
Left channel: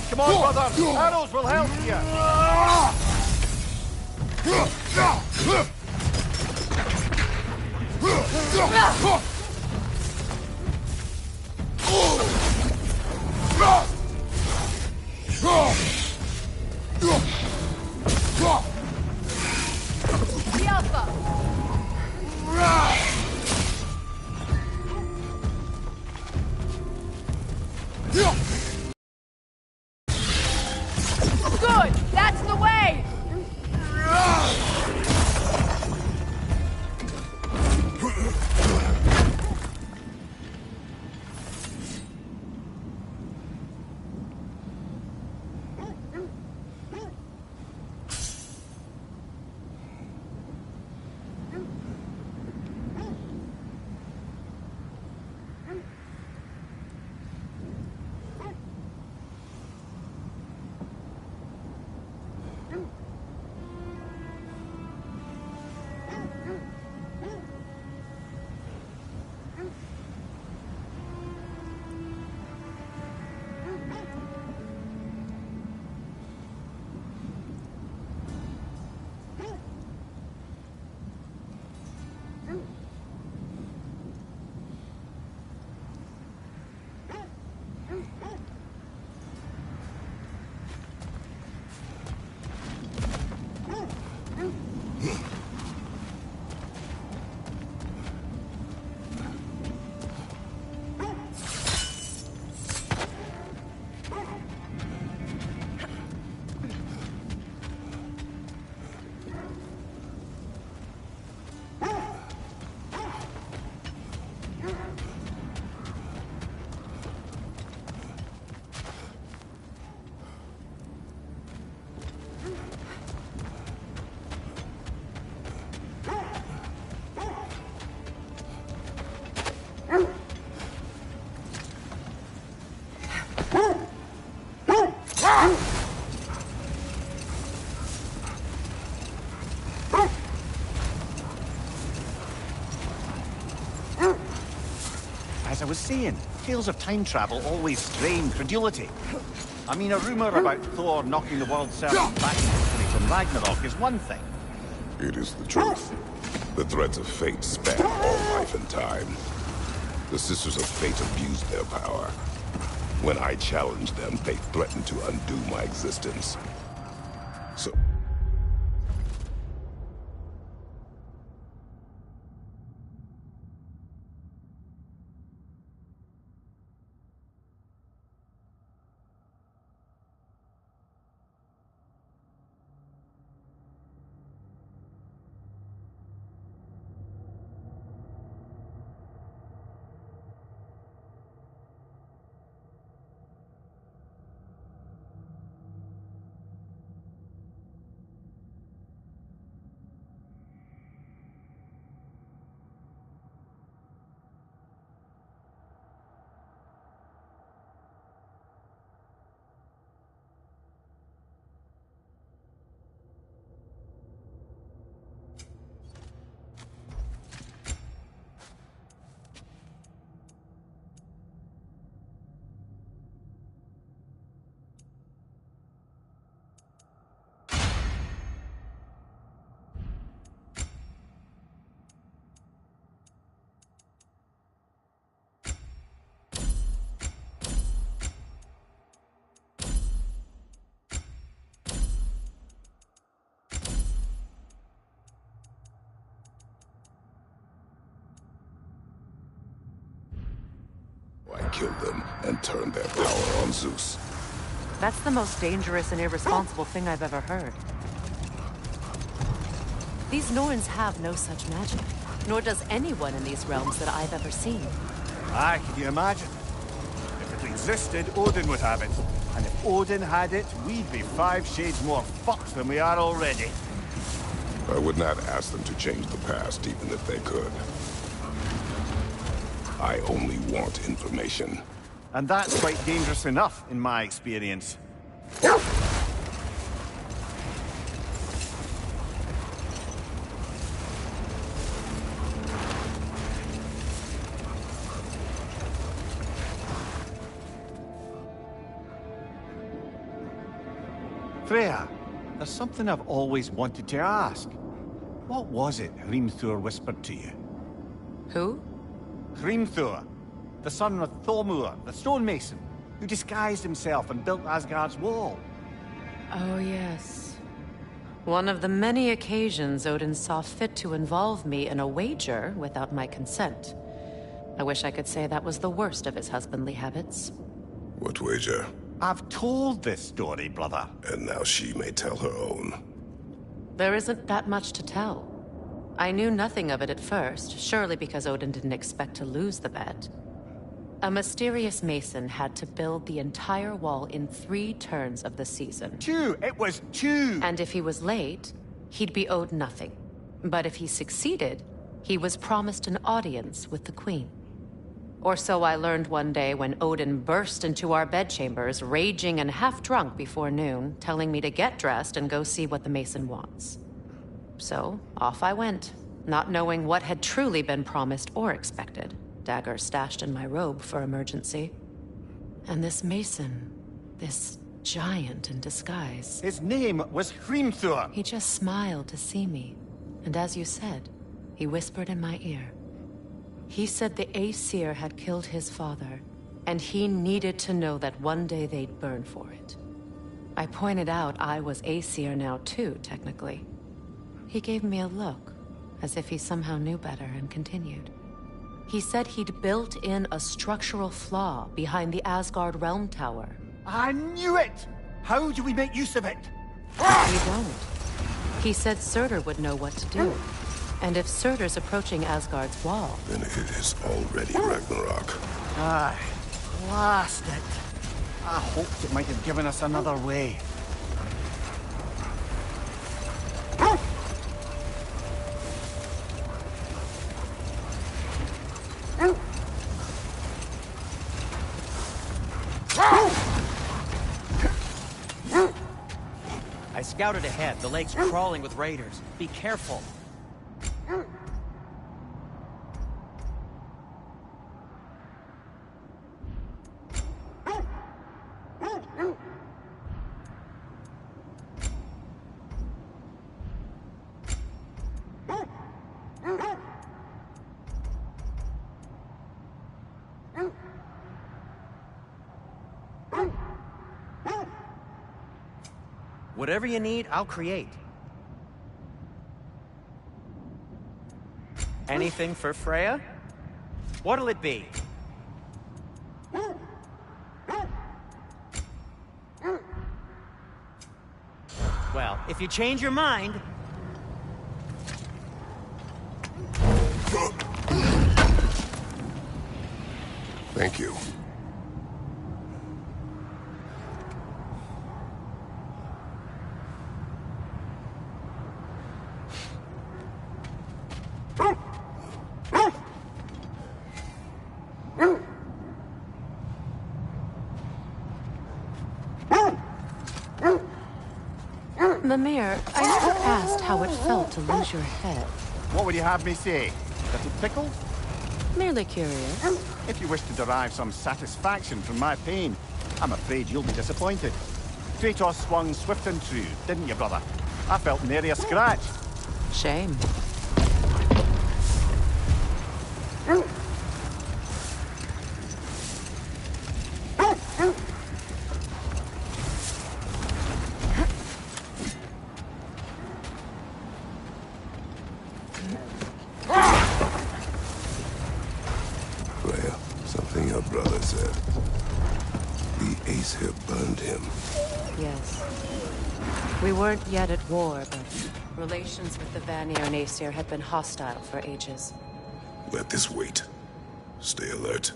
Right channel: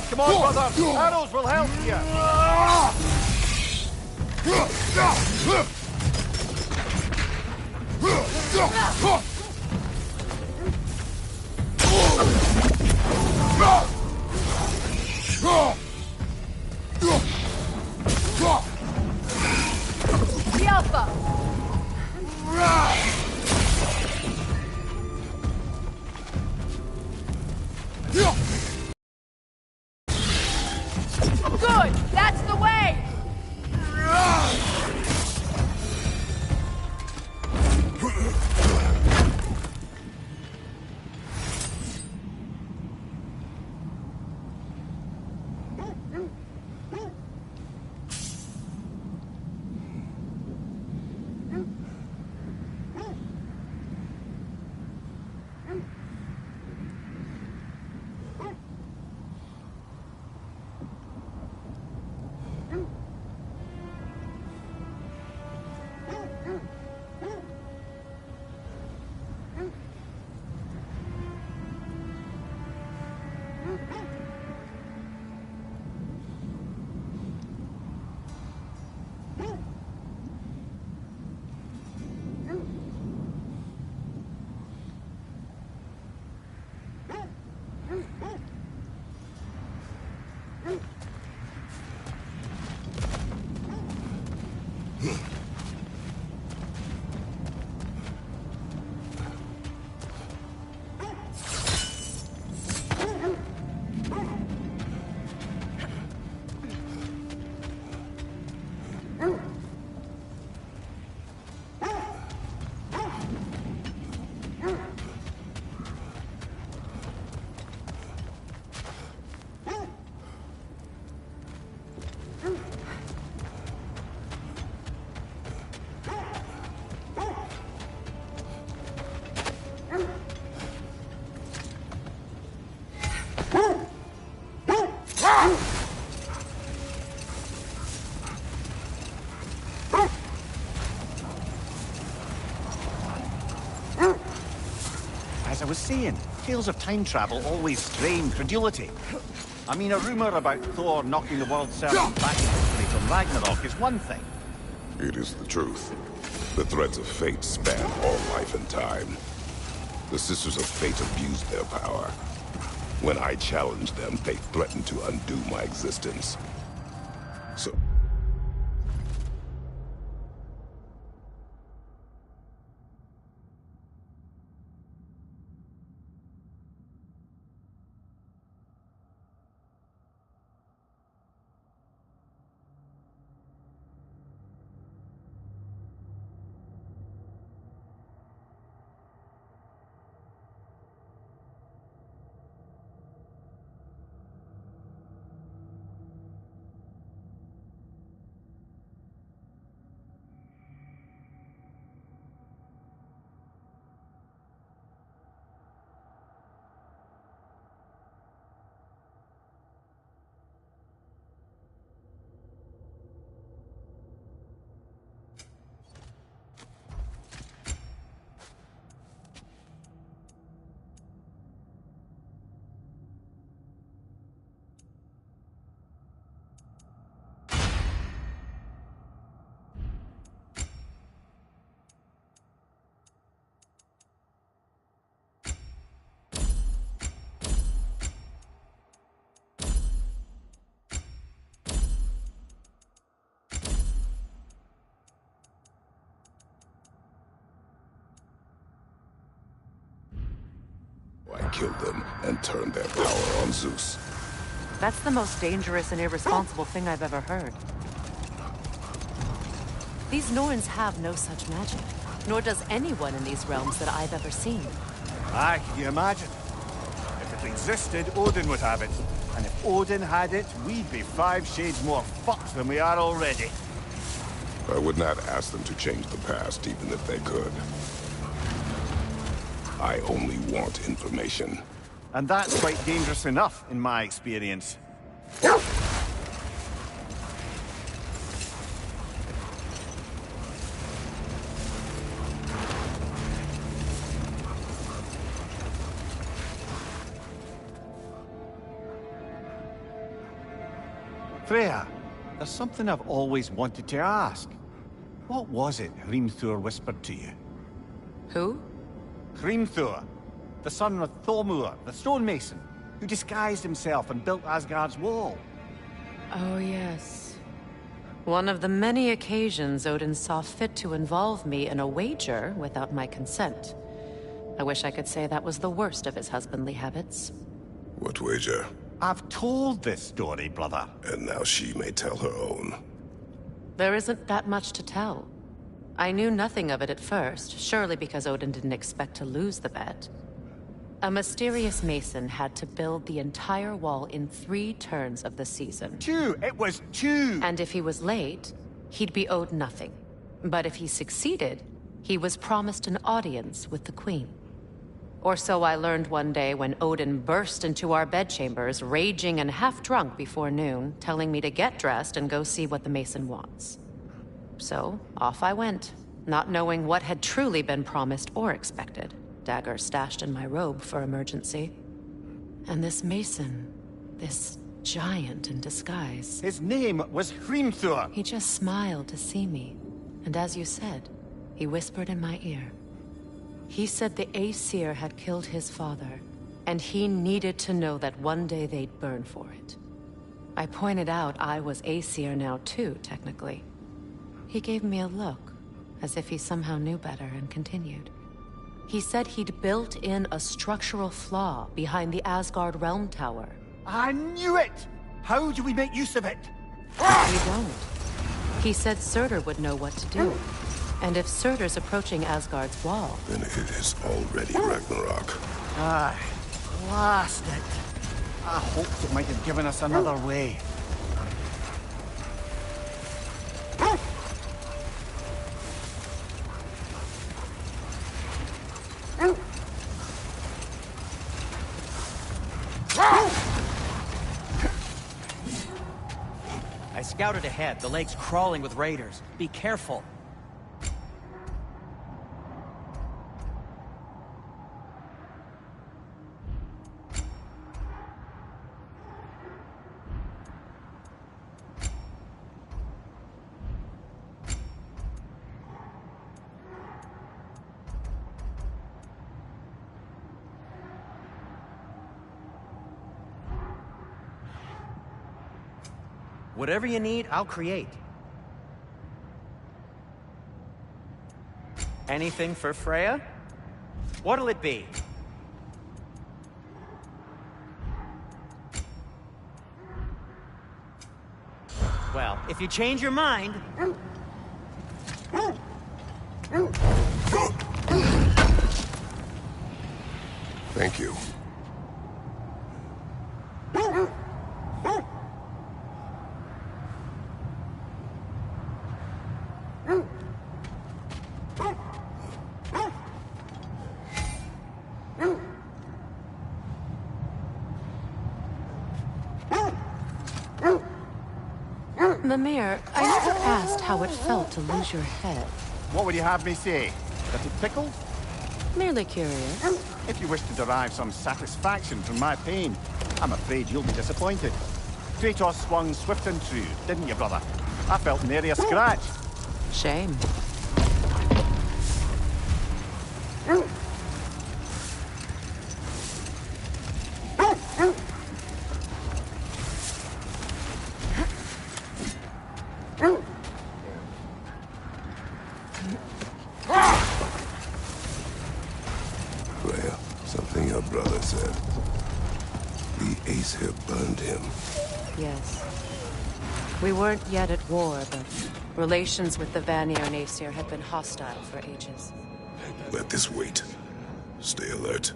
Come on, brother! Arrows will help you! Good! That's the way! As I was saying, tales of time travel always strain credulity. I mean, a rumor about Thor knocking the world servant back in history from Ragnarok is one thing. It is the truth. The threads of fate span all life and time. The Sisters of Fate abused their power. When I challenged them, they threatened to undo my existence. So... I killed them and turned their power on Zeus. That's the most dangerous and irresponsible thing I've ever heard. These Norns have no such magic, nor does anyone in these realms that I've ever seen. Aye, can you imagine? If it existed, Odin would have it. And if Odin had it, we'd be 5 shades more fucked than we are already. I would not ask them to change the past, even if they could. I only want information. And that's quite dangerous enough, in my experience. Freya, there's something I've always wanted to ask. What was it Hrimthur whispered to you? Who? Hrimthur, the son of Thormur, the stonemason, who disguised himself and built Asgard's wall. Oh, yes. One of the many occasions Odin saw fit to involve me in a wager without my consent. I wish I could say that was the worst of his husbandly habits. What wager? I've told this story, brother. And now she may tell her own. There isn't that much to tell. I knew nothing of it at first, surely because Odin didn't expect to lose the bet. A mysterious mason had to build the entire wall in 3 turns of the season. 2! It was 2! And if he was late, he'd be owed nothing. But if he succeeded, he was promised an audience with the queen. Or so I learned one day when Odin burst into our bedchambers, raging and half-drunk before noon, telling me to get dressed and go see what the mason wants. So, off I went, not knowing what had truly been promised or expected, dagger stashed in my robe for emergency. And this mason, this giant in disguise... His name was Hrimthur! He just smiled to see me, and as you said, he whispered in my ear. He said the Æsir had killed his father, and he needed to know that one day they'd burn for it. I pointed out I was Æsir now too, technically. He gave me a look, as if he somehow knew better, and continued. He said he'd built in a structural flaw behind the Asgard realm tower. I knew it! How do we make use of it? We don't. He said Surtur would know what to do. And if Surtur's approaching Asgard's wall... Then it is already Ragnarok. Aye. Blast it. I hoped it might have given us another way. I scouted ahead. The lake's crawling with raiders. Be careful. Whatever you need, I'll create. Anything for Freya? What'll it be? Well, if you change your mind... Thank you. Mimir, I never asked how it felt to lose your head. What would you have me say? That it tickled? Merely curious. If you wish to derive some satisfaction from my pain, I'm afraid you'll be disappointed. Kratos swung swift and true, didn't you, brother? I felt nary a scratch. Shame. Freya, something your brother said. The Æsir burned him. Yes. We weren't yet at war, but relations with the Vanir and Æsir had been hostile for ages. Let this wait. Stay alert.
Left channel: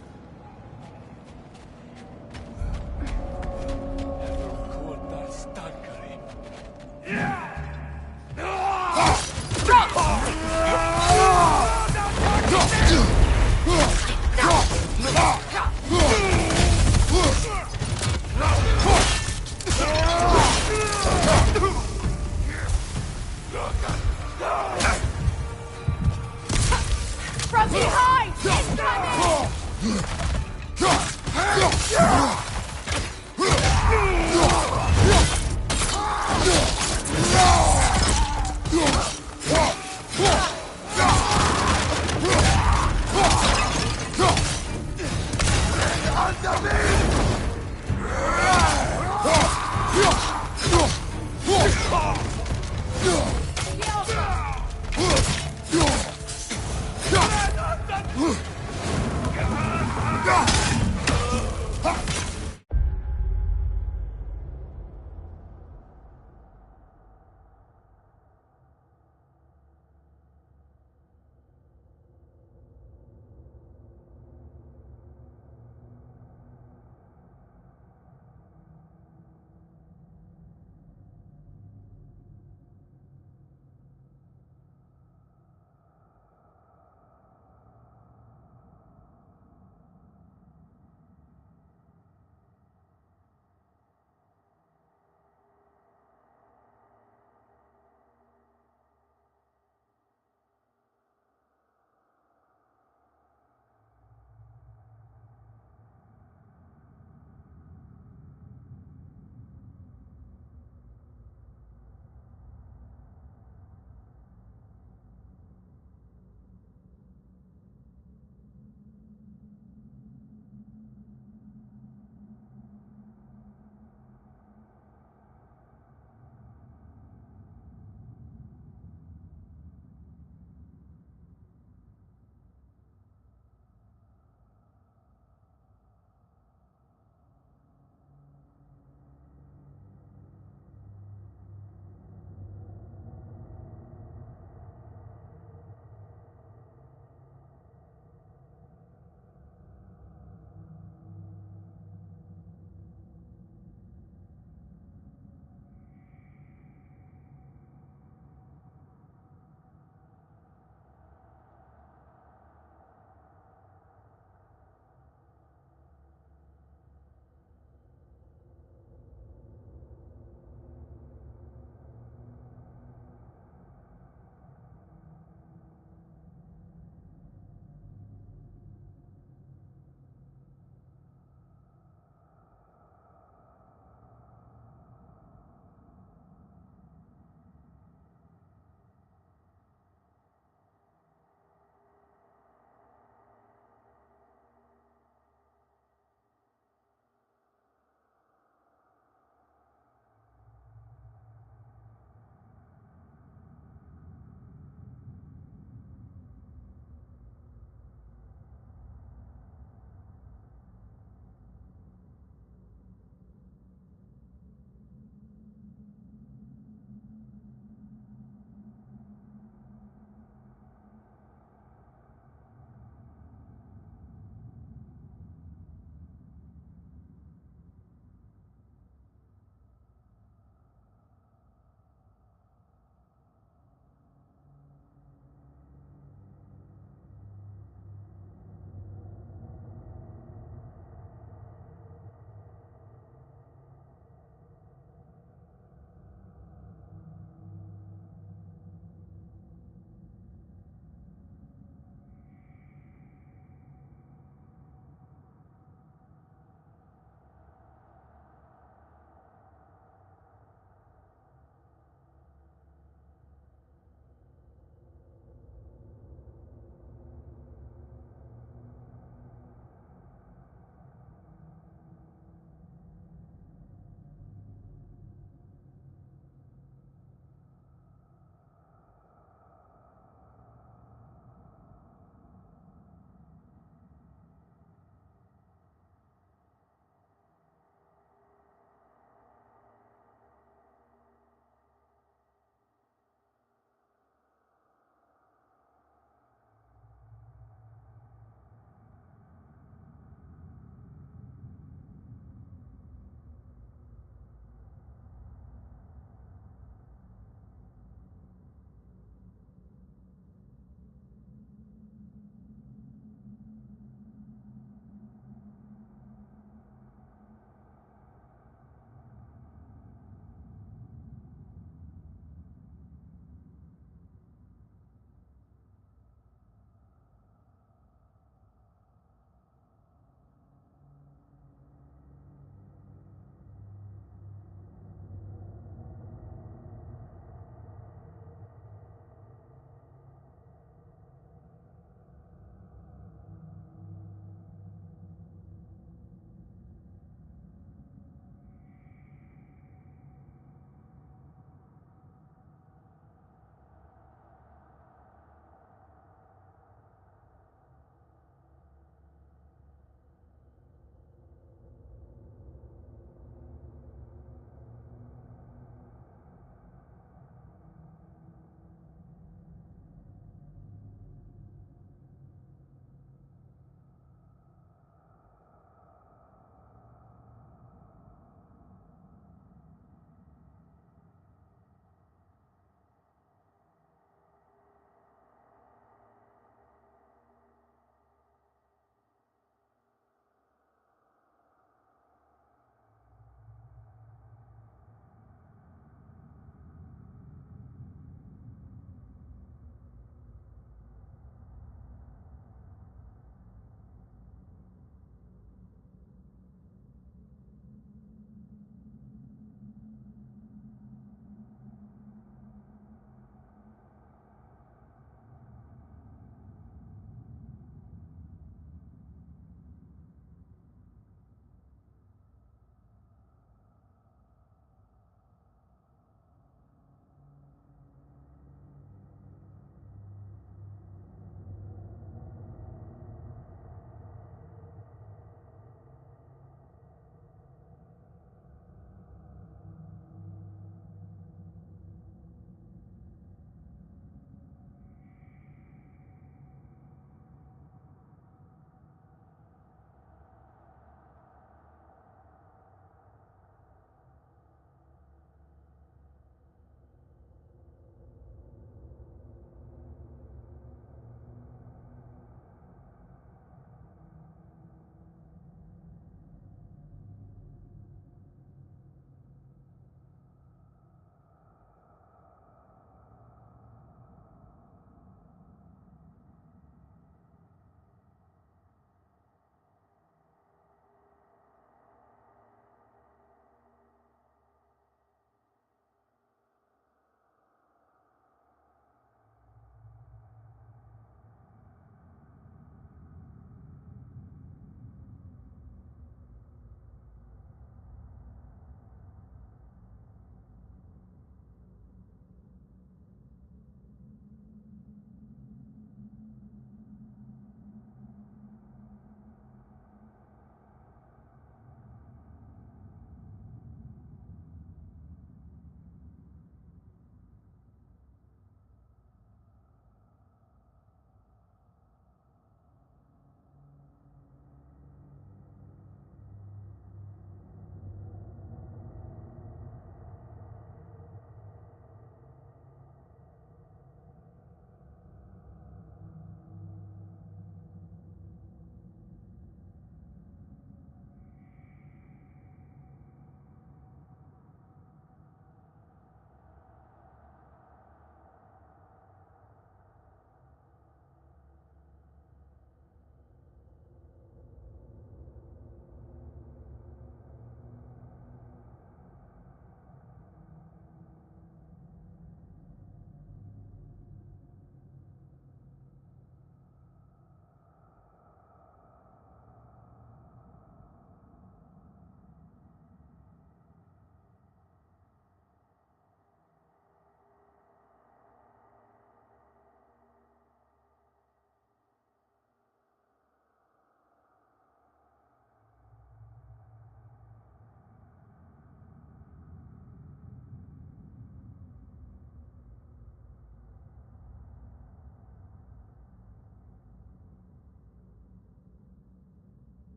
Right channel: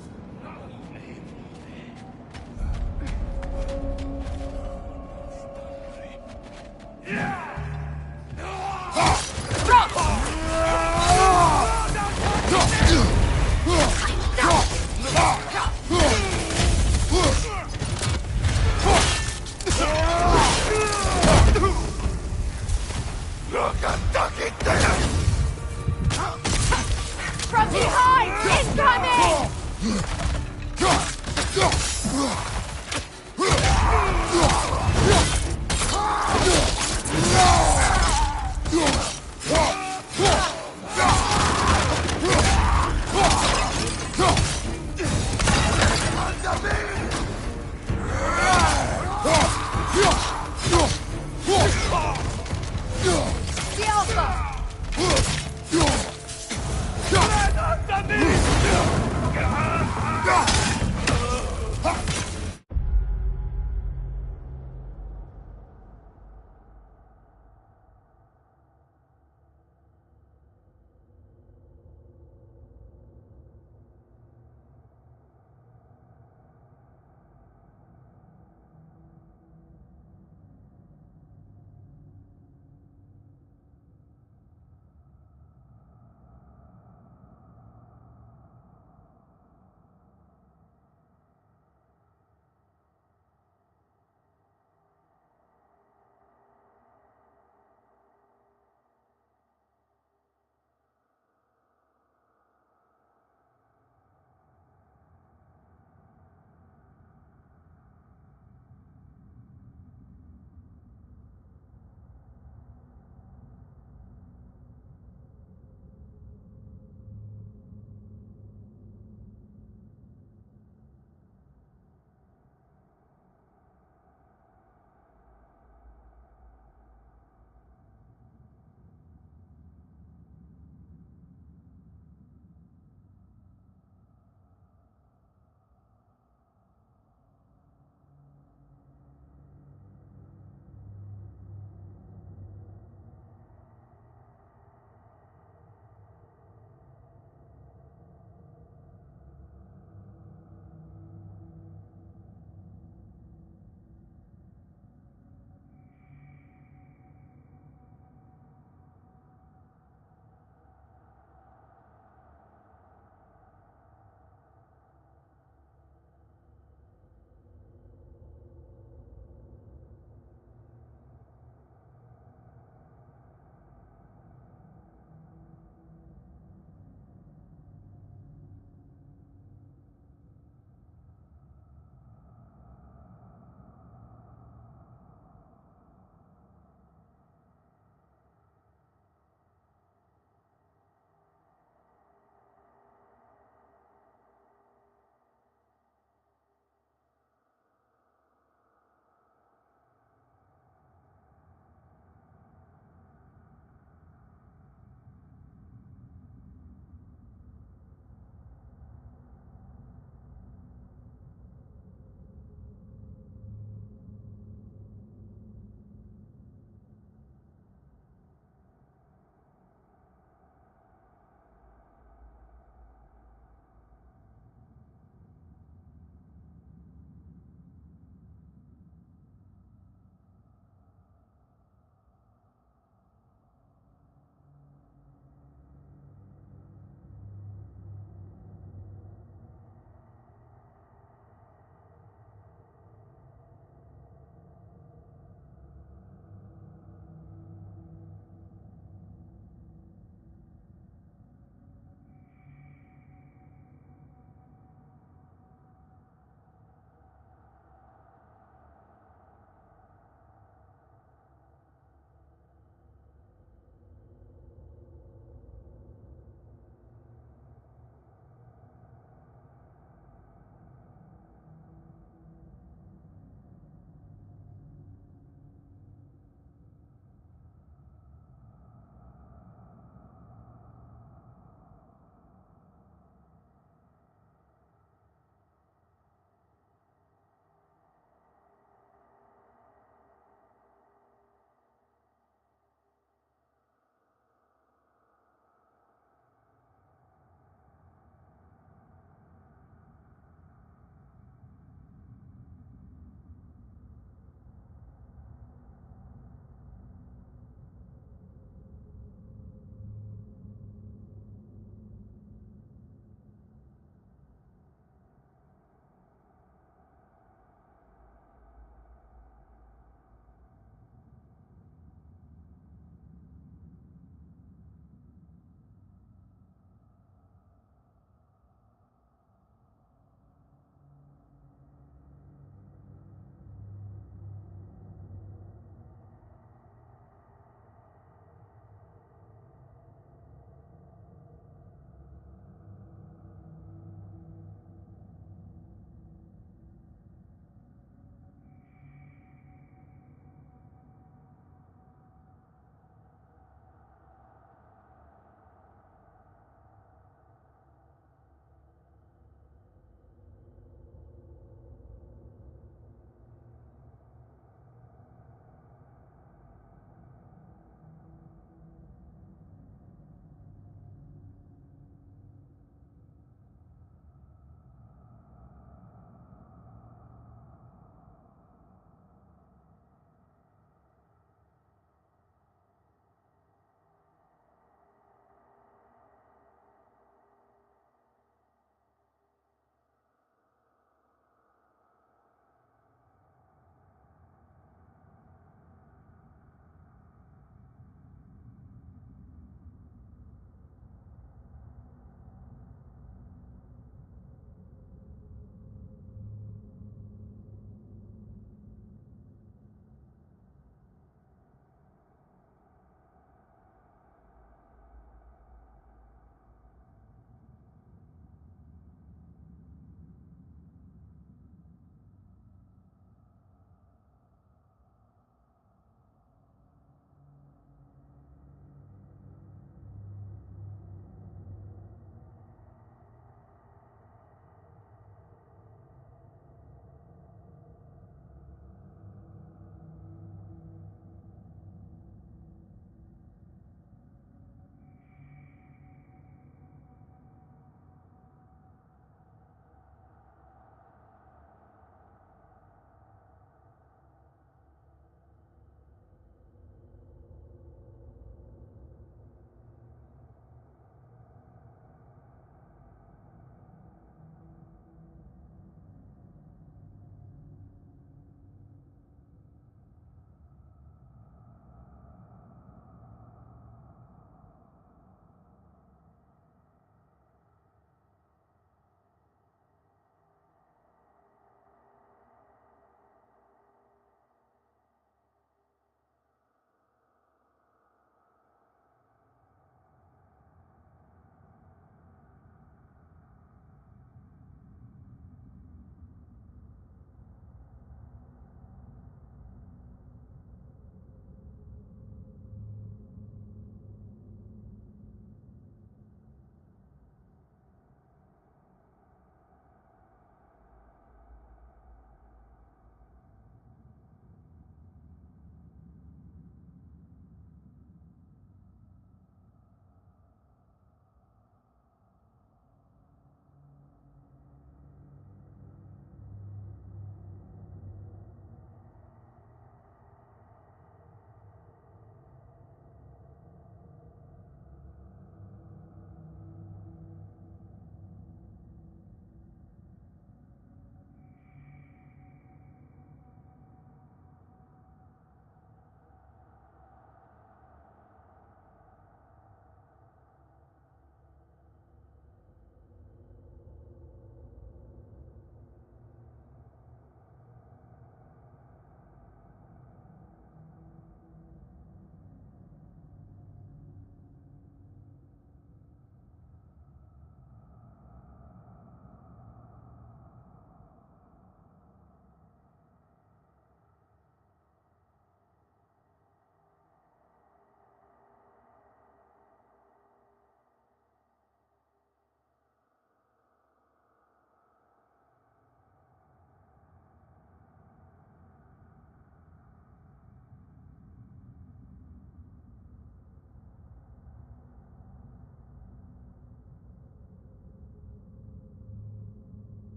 From behind! Incoming!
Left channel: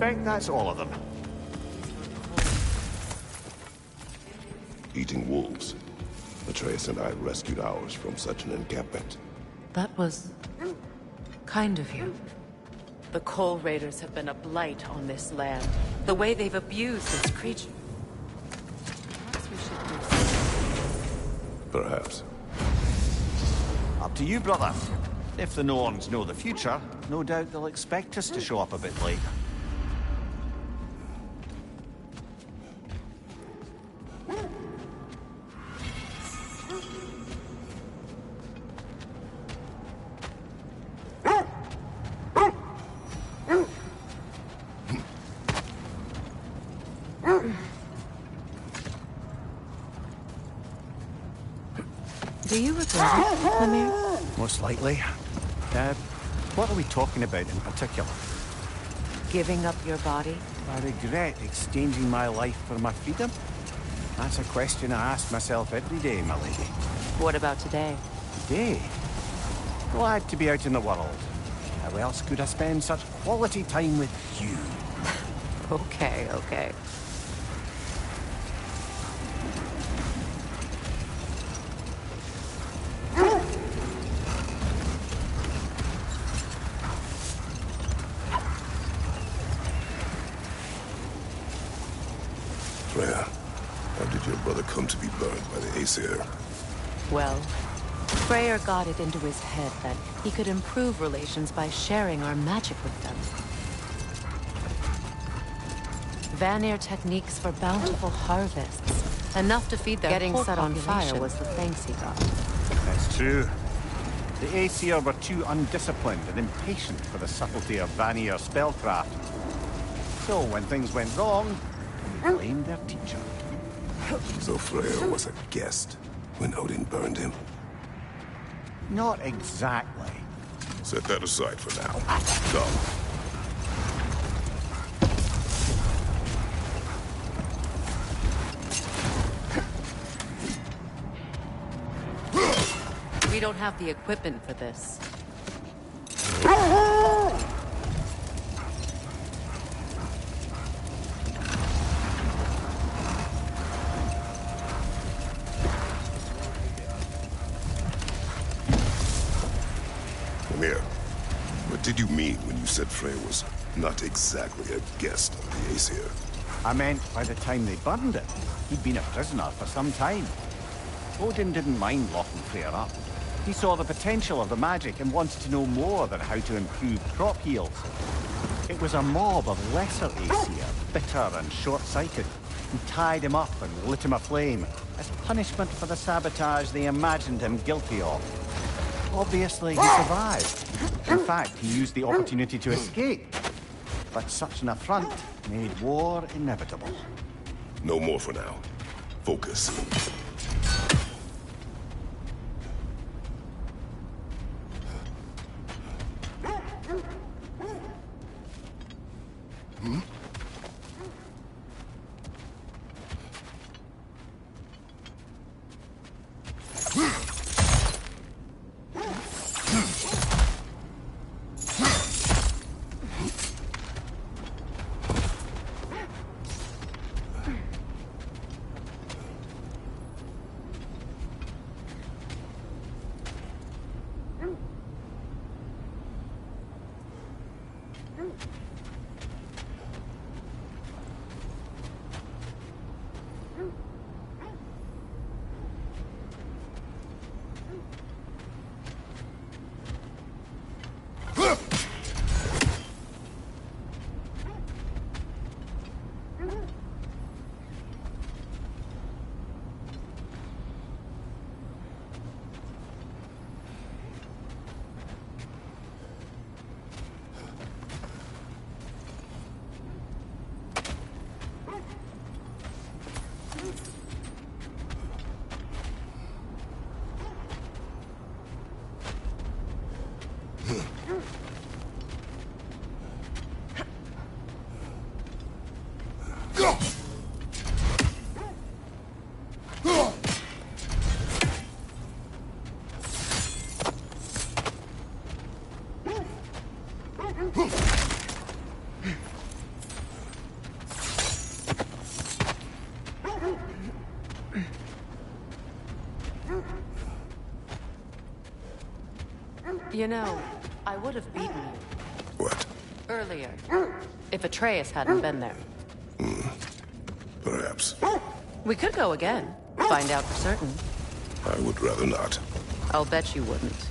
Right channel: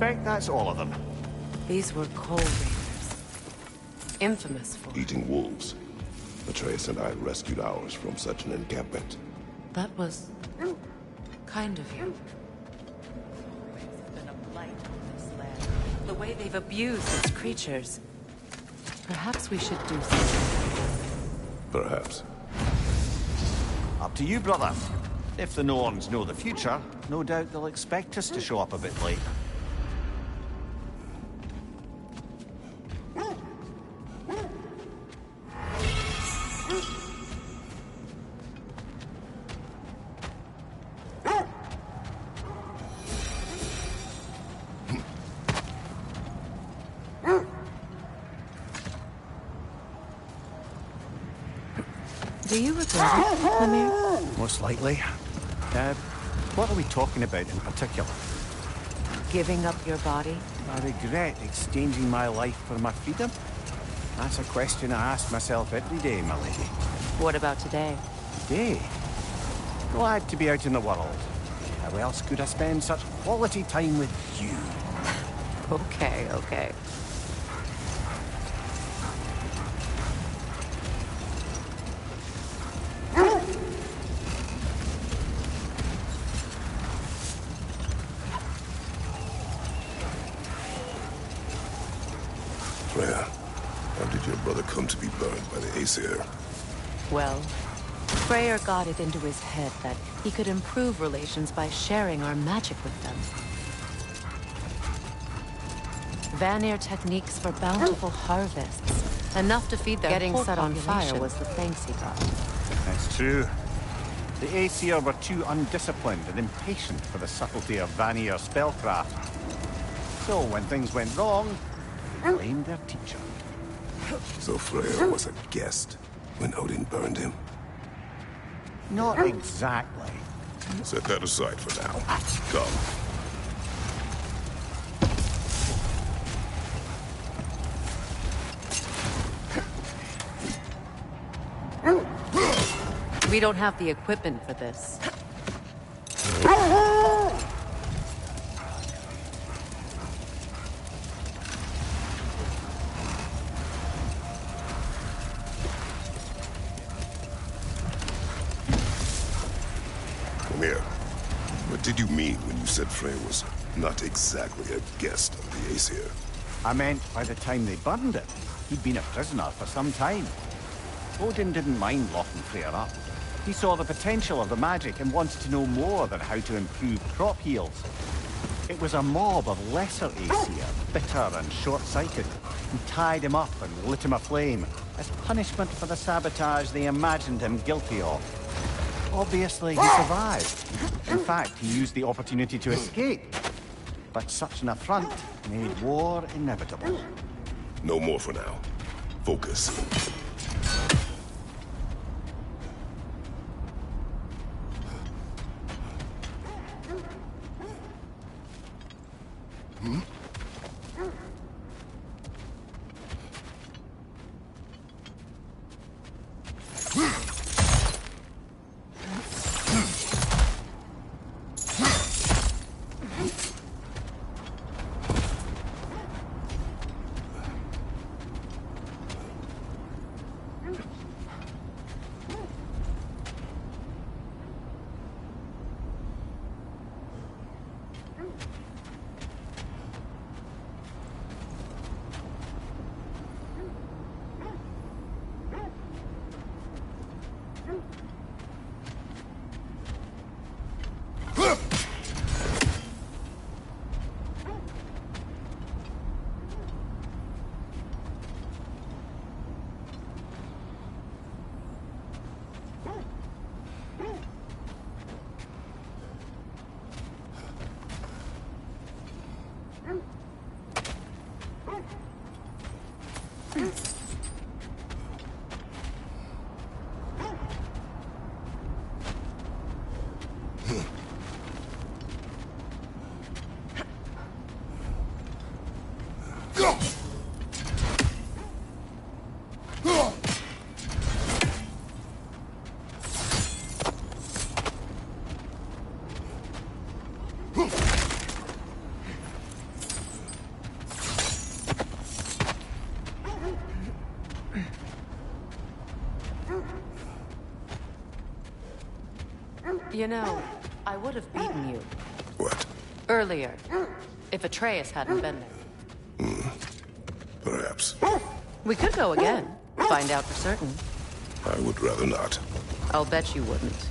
suspect that's all of them. These were cold. Infamous for... Eating wolves. Atreus and I rescued ours from such an encampment. That was... kind of you. The Coal Raiders have been a blight on this land. The way they've abused its creatures. Perhaps we should do something. Perhaps. Up to you, brother. If the Norns know the future, no doubt they'll expect us to show up a bit late. Do you regret it, Vanir? Most likely. What are we talking about in particular? Giving up your body? I regret exchanging my life for my freedom? That's a question I ask myself every day, my lady. What about today? Today? Glad to be out in the world. How else could I spend such quality time with you? Okay, okay. Freya, how did your brother come to be burned by the Æsir? Well, Freyr got it into his head that he could improve relations by sharing our magic with them. Vanir techniques for bountiful harvests, enough to feed their Getting whole set on population. fire Was the thanks he got. That's true. The Æsir were too undisciplined and impatient for the subtlety of Vanir spellcraft. So when things went wrong, they blamed their teacher. So Freya was a guest when Odin burned him? Not exactly. Set that aside for now. Come. We don't have the equipment for this. Vanir, what did you mean when you said Freya was not exactly a guest of the Æsir? I meant by the time they burned it, he'd been a prisoner for some time. Odin didn't mind locking Freya up. He saw the potential of the magic and wanted to know more than how to improve crop yields. It was a mob of lesser Æsir, bitter and short-sighted, who tied him up and lit him aflame, as punishment for the sabotage they imagined him guilty of. Obviously, he survived. In fact, he used the opportunity to escape. But such an affront made war inevitable. No more for now. Focus. You know, I would have beaten you. What? Earlier. If Atreus hadn't been there. Perhaps. We could go again. Find out for certain. I would rather not. I'll bet you wouldn't.